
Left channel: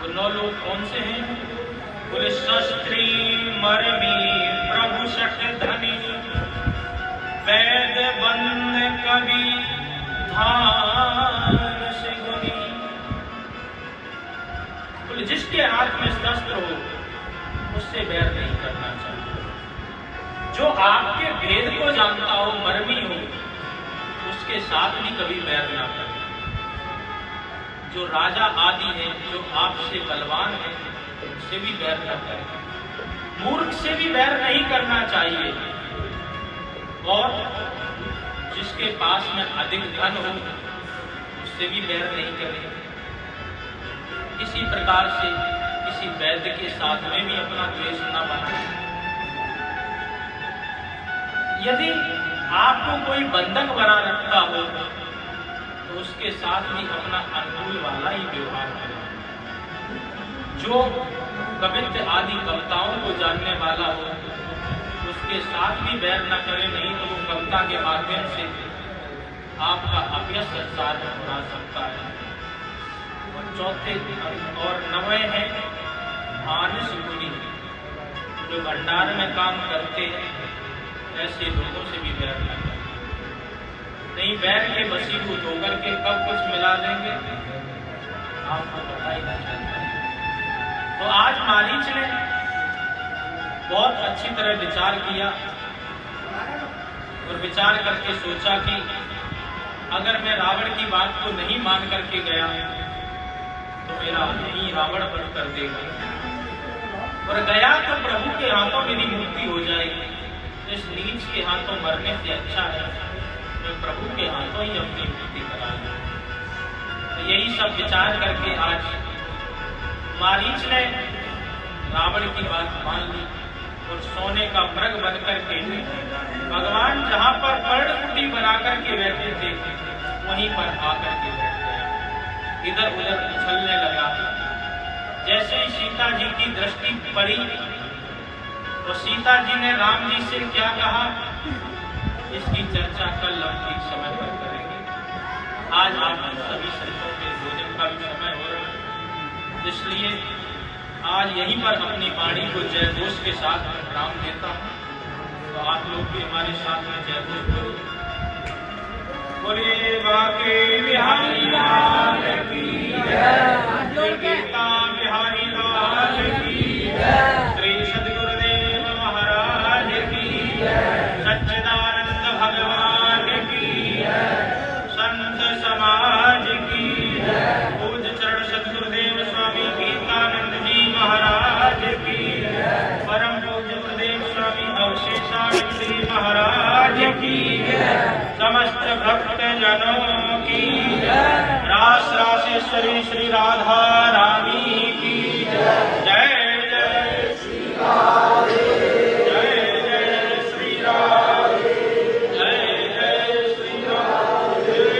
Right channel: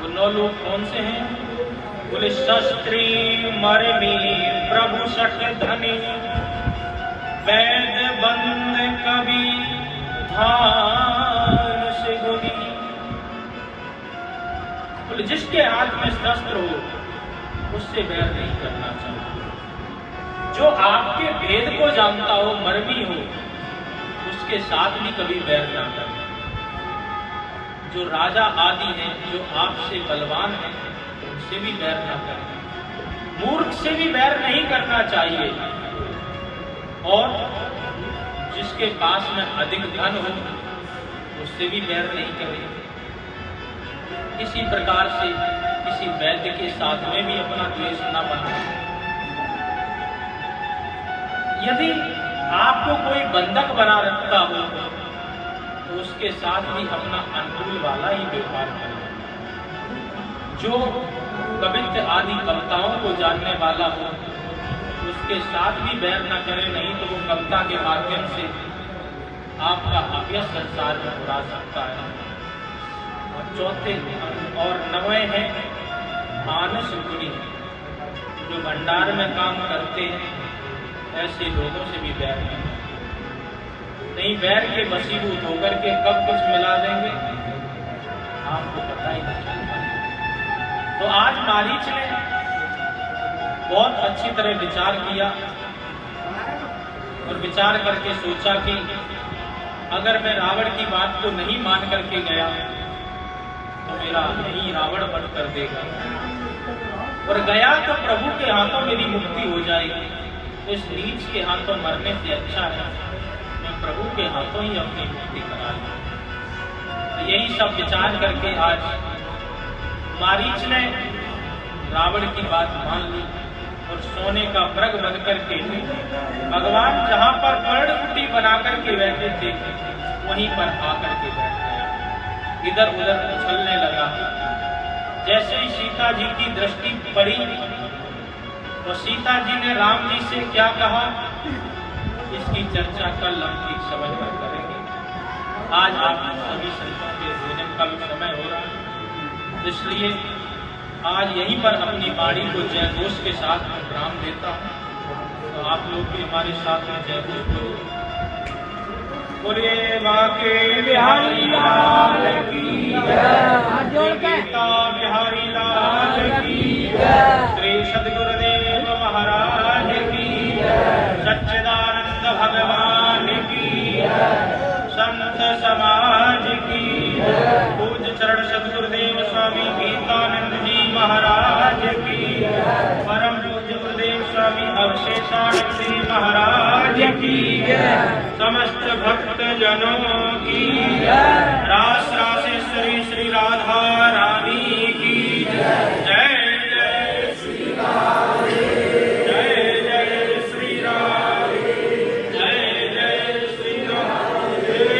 वो 9 लोग कौन से हैं? बोले शस्त्री मरमी प्रभु सठ धनी, वैद्य बंद कवि धान से गुनी। बोले जिसके हाथ में शस्त्र हो उससे बैर नहीं करना चाहिए। जो आपके भेद को जानता हो, मर्मी हो, उसके साथ भी कभी बैर ना करें। जो राजा आदि है, जो आपसे बलवान है, उनसे भी बैर ना करें। मूर्ख से भी बैर नहीं करना चाहिए। और जिसके पास में अधिक धन हो उससे भी बैर नहीं करें। इसी प्रकार से किसी वैद्य के साथ में भी अपना द्वेष न बनाएं। यदि आपको कोई बंधक बना रखता हो तो उसके साथ भी अपना अनुकूल वाला ही व्यवहार करें। जो कवित्व आदि कविताओं को जानने वाला हो उसके साथ भी बैर न करें, नहीं तो वो कविता के माध्यम से आपका अभ्यस संसार में उड़ा सकता है। चौथे और 9वें है मानस गुणी। जो भंडार में काम करते हैं ऐसे लोगों से भी बैर न करें। नहीं बैर के वशीभूत होकर के कब कुछ मिला देंगे आपको पता ही नहीं चलता। तो आज मारीच ने बहुत अच्छी तरह विचार किया और विचार करके सोचा कि अगर मैं रावण की बात को नहीं मान करके गया तो मेरा यही रावण वध कर देगा, और गया तो प्रभु के हाथों मेरी मुक्ति हो जाएगी। तो इस नीच के हाथों मरने से अच्छा है मैं प्रभु के हाथों ही अपनी मुक्ति करा लूं। तो यही सब विचार करके आज मारीच ने रावण की बात मान ली और सोने का मृग बनकर के भगवान जहां पर पर्णकुटी बना करके बैठे थे वहीं पर आकर के बैठ गया। इधर उधर उछलने लगा। जैसे ही सीता जी की दृष्टि पड़ी तो सीता जी ने राम जी से क्या कहा, इसकी चर्चा कल हम ठीक समय पर करेंगे। आज आप सभी संतों के भोजन का भी समय हो रहा है, इसलिए आज यहीं पर अपनी वाणी को जयघोष के साथ विराम देता हूँ। तो आप लोग भी हमारे साथ में जयघोष करो। बोलिए बाके बिहारी लाल की जय, गीता बिहारी लाल की जय, श्री सद्गुरुदेव महाराज की जय, सच्चिदानंद भगवान की जय, संत समाज की जय, पूज्य चरण सद्गुरुदेव स्वामी गीतानंद जी महाराज की जय, परम पूज्य गुरुदेव स्वामी अवशेषानंद जी महाराज की जय, समस्त भक्त जनों की जय, रास रासेश्वरी श्री राधा रानी की जय। जय जय श्री राधे, जय जय श्री राधे, जय जय श्री राधे।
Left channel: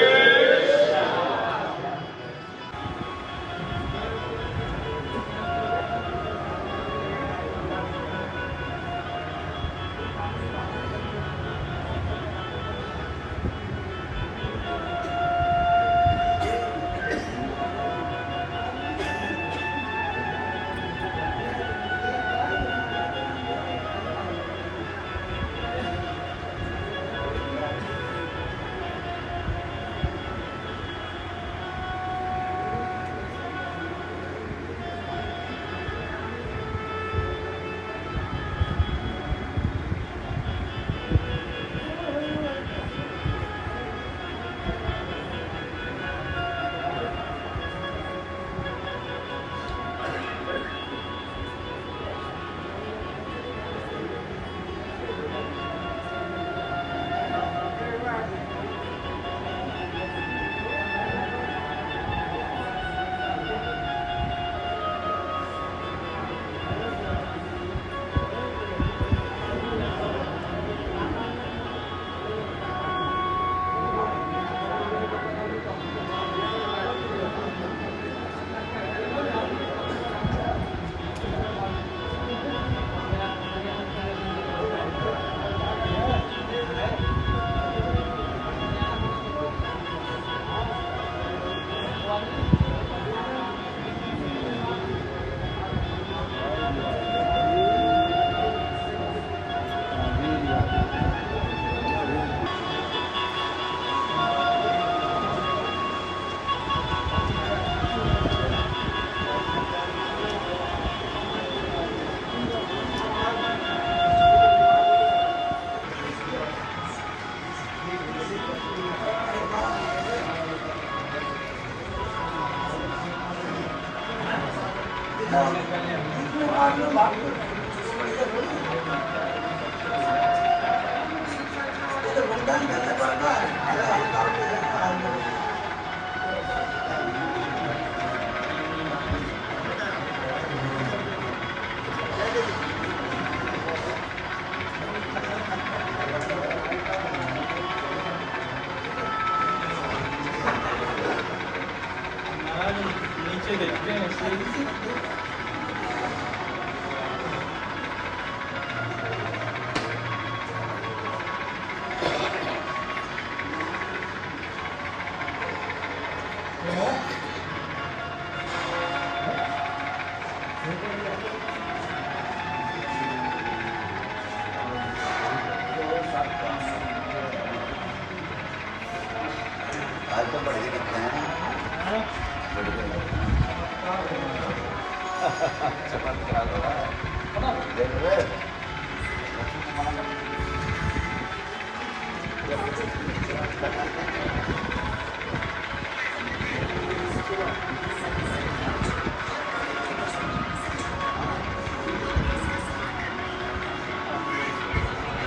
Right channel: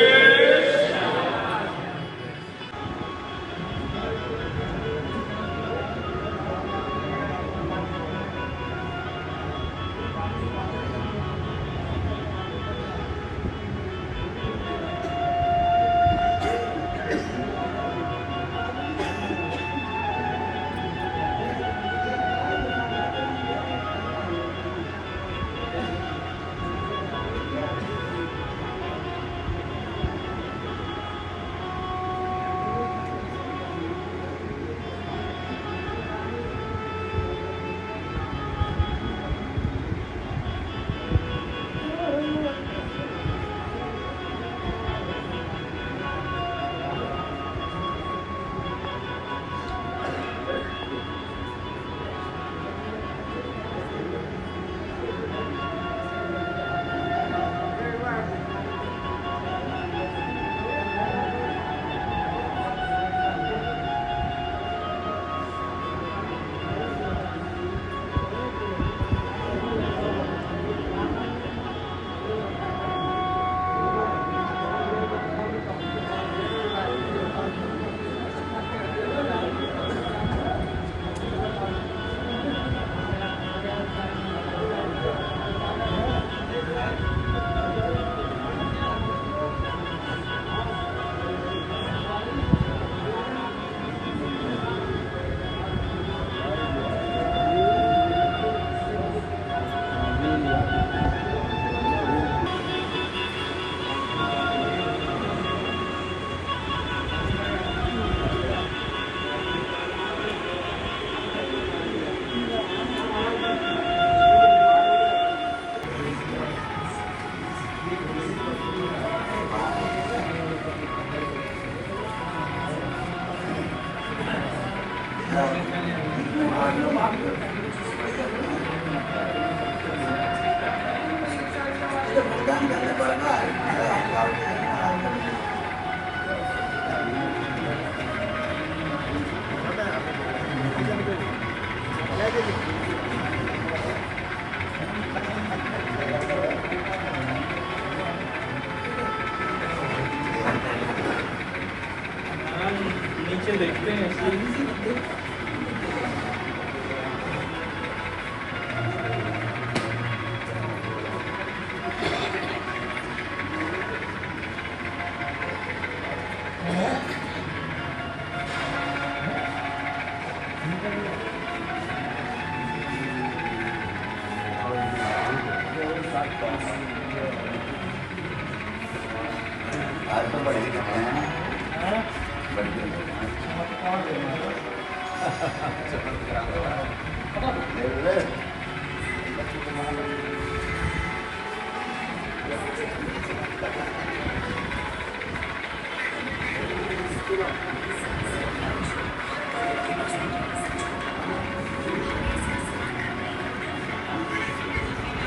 नीचे देखते हैं आज तो बढ़ गया बढ़ गया